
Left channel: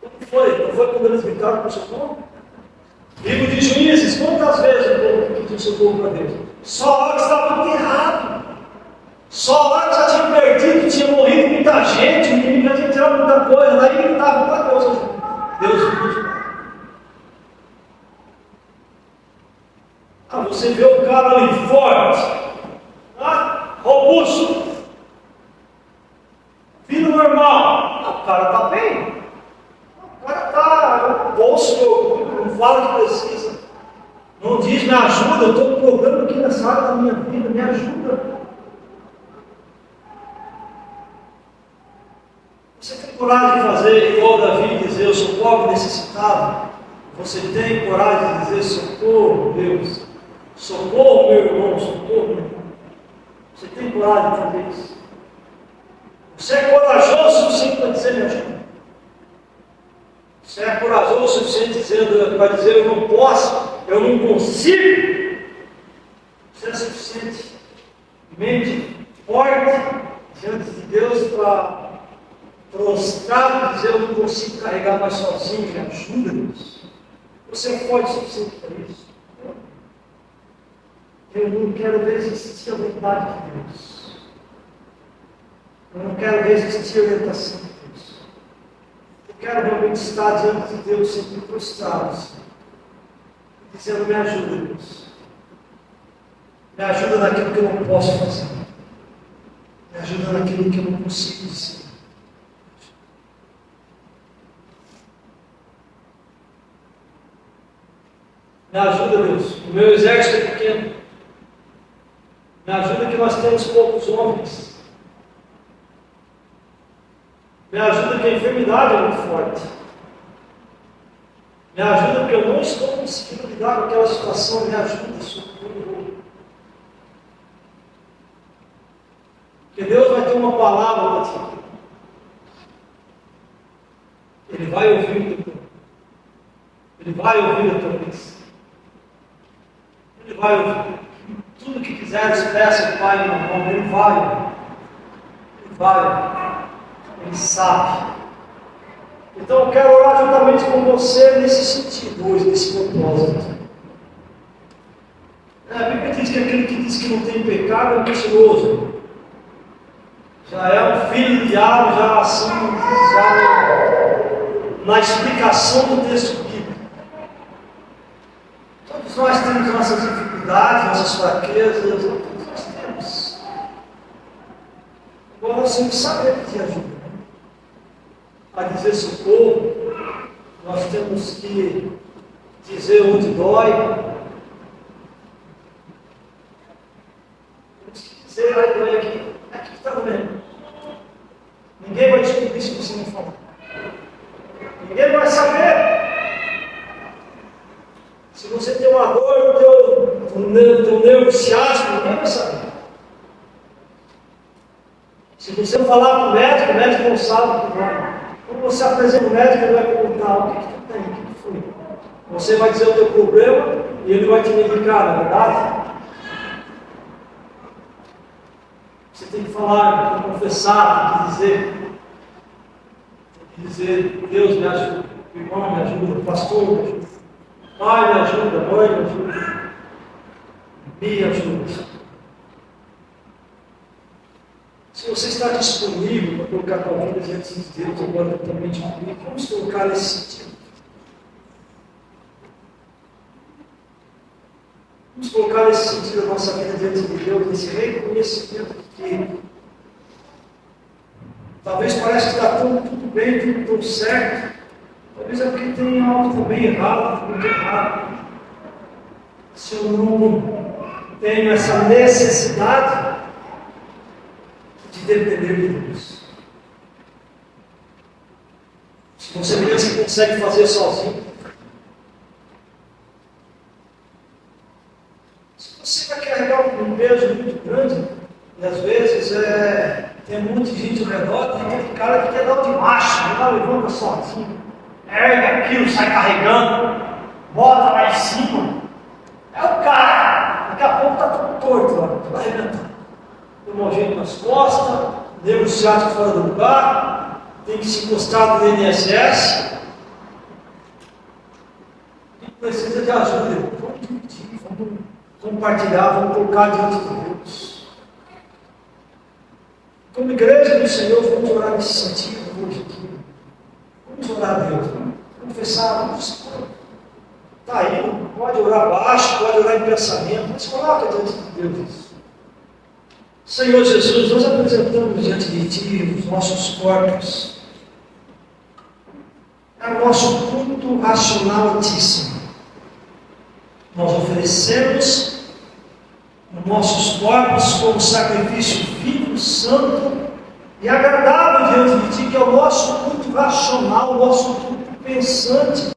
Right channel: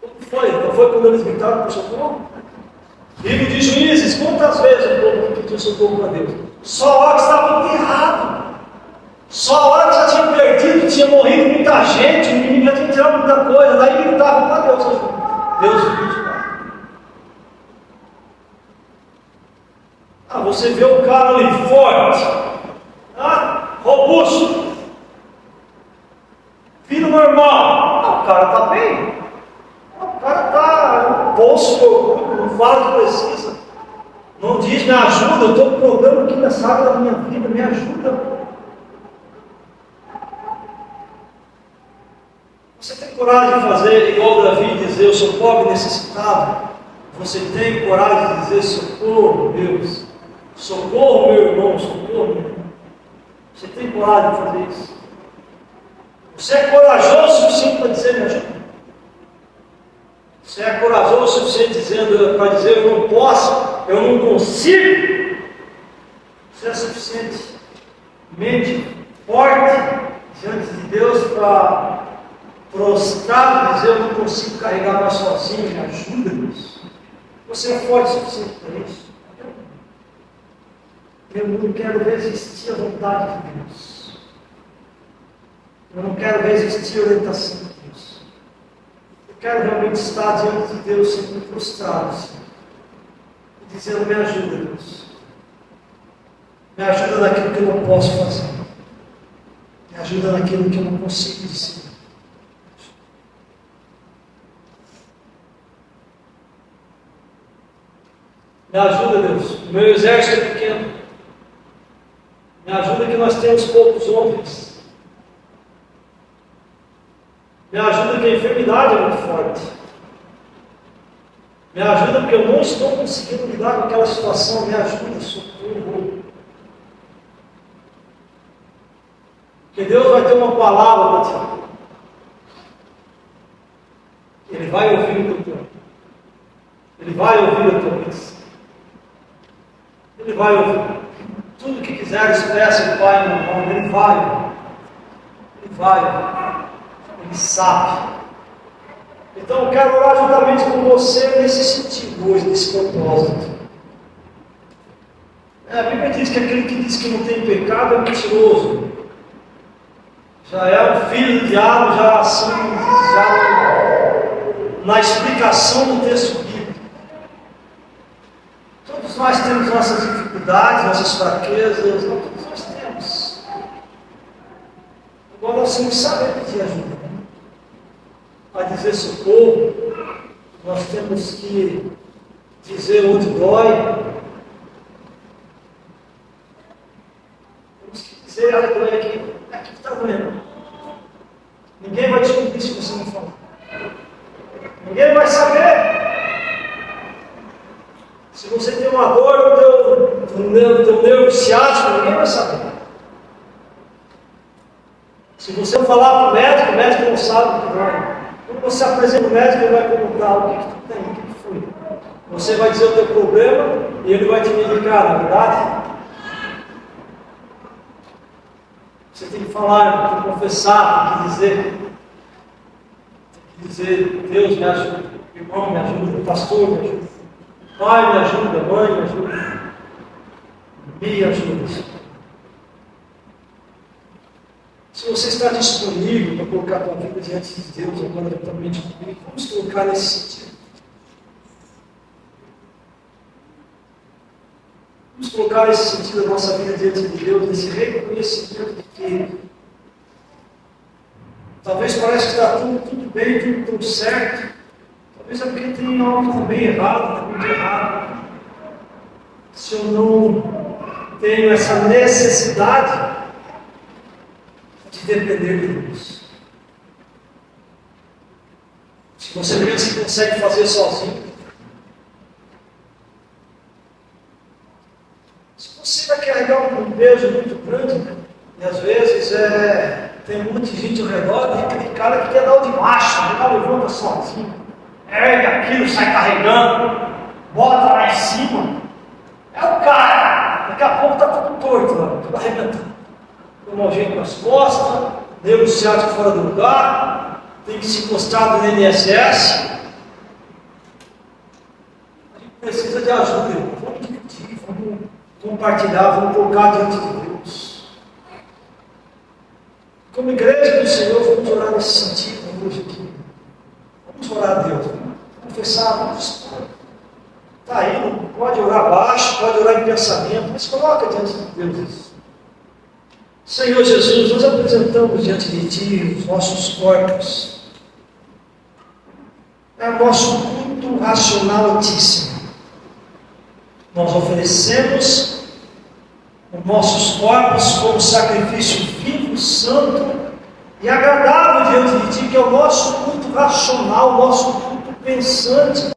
Quando foi? Não foi quando eles gritaram por socorro? Livro de Juízes, quantas vezes o povo pediu socorro para Deus? Só a hora que estava enterrado, só a hora que já tinha perdido, tinha morrido muita gente, o inimigo já tinha tirado muita coisa, daí gritavam para Deus: Deus me. Você vê o cara ali forte, robusto, filho normal, o cara está bem, o cara está no bolso, não fala que precisa, não diz me ajuda, eu estou com problema aqui nessa área da minha vida, me ajuda. Você tem coragem de fazer igual Davi, dizer eu sou pobre e necessitado? Você tem coragem de dizer socorro, Deus, socorro, meu irmão, socorro, meu irmão? Você tem coragem de fazer isso? Você é corajoso o suficiente para dizer me ajuda? Você é corajoso o suficiente para dizer eu não posso, eu não consigo. Você é suficientemente forte diante de Deus para prostrado dizer eu não consigo carregar mais sozinho, me ajuda, Deus. Você é forte o suficiente para isso? Eu não quero ver existir a vontade de Deus. Eu não quero ver existir a orientação de Deus. Eu quero realmente estar diante de Deus sempre prostrado, assim, dizendo me ajuda, Deus. Me ajuda naquilo que eu não posso fazer. Me ajuda naquilo que eu não consigo dizer. Me ajuda, Deus. O meu exército é pequeno. Me ajuda que nós temos poucos homens. Me ajuda que a enfermidade é muito forte. Me ajuda porque eu não estou conseguindo lidar com aquela situação. Me ajuda, socorro. Porque Deus vai ter uma palavra para ti. Ele vai ouvir o teu tempo. Ele vai ouvir a tua bênção. Ele vai ouvir. Tudo que quiseres, peça ao Pai no nome dele. Ele vai. Ele vai. Ele sabe. Então eu quero orar juntamente com você nesse sentido hoje, nesse propósito. A Bíblia diz que aquele que diz que não tem pecado é mentiroso. Já é um filho do diabo, já assim, já na explicação do texto bíblico. Todos nós temos nossas dificuldades, nossas fraquezas, todos nós temos. Agora nós temos que saber pedir ajuda. A dizer socorro, nós temos que dizer onde dói. Temos que dizer, olha, doer aqui, aqui está doendo. Ninguém vai descobrir se você não falar. Ninguém vai saber. Se você tem uma dor no teu nervo ciático, ninguém vai saber. Se você não falar para o médico não sabe o que vai. Quando você apresenta o médico, ele vai perguntar o que tu tem, o que foi. Você vai dizer o teu problema e ele vai te medicar, não é verdade? Você tem que falar, tem que confessar, tem que dizer. Tem que dizer, Deus me ajuda, irmão me ajuda, pastor me ajuda, pai me ajuda, mãe me ajuda, me ajuda. Se você está disponível para colocar a tua vida diante de Deus, agora juntamente comigo, vamos colocar nesse sentido. Vamos colocar nesse sentido a nossa vida diante de Deus, nesse reconhecimento de que talvez pareça que está tudo bem, tudo certo. Talvez é porque tem algo também errado, muito errado. Se eu não tenho essa necessidade de depender de Deus. Se você pensa que consegue fazer sozinho, se você vai carregar um peso muito grande, e às vezes tem muita gente ao redor, tem aquele cara que quer dar o de macho, ele lá levanta sozinho, ergue aquilo, sai carregando, bota lá em cima, é o cara, daqui a pouco está tudo torto lá, tudo arrebentando. Tomar um jeito nas costas, nervo ciático fora do lugar, tem que se encostar no INSS. A gente precisa de ajuda, vamos dividir, vamos compartilhar, vamos colocar diante de Deus. Como igreja do Senhor, vamos orar nesse sentido hoje aqui. Vamos orar a Deus, vamos confessar, vamos expor. Está aí, pode orar baixo, pode orar em pensamento, mas coloca diante de Deus isso. Senhor Jesus, nós apresentamos diante de Ti os nossos corpos. É o nosso culto racional altíssimo. Nós oferecemos os nossos corpos como sacrifício vivo, santo e agradável diante de Ti, que é o nosso culto racional, o nosso culto pensante.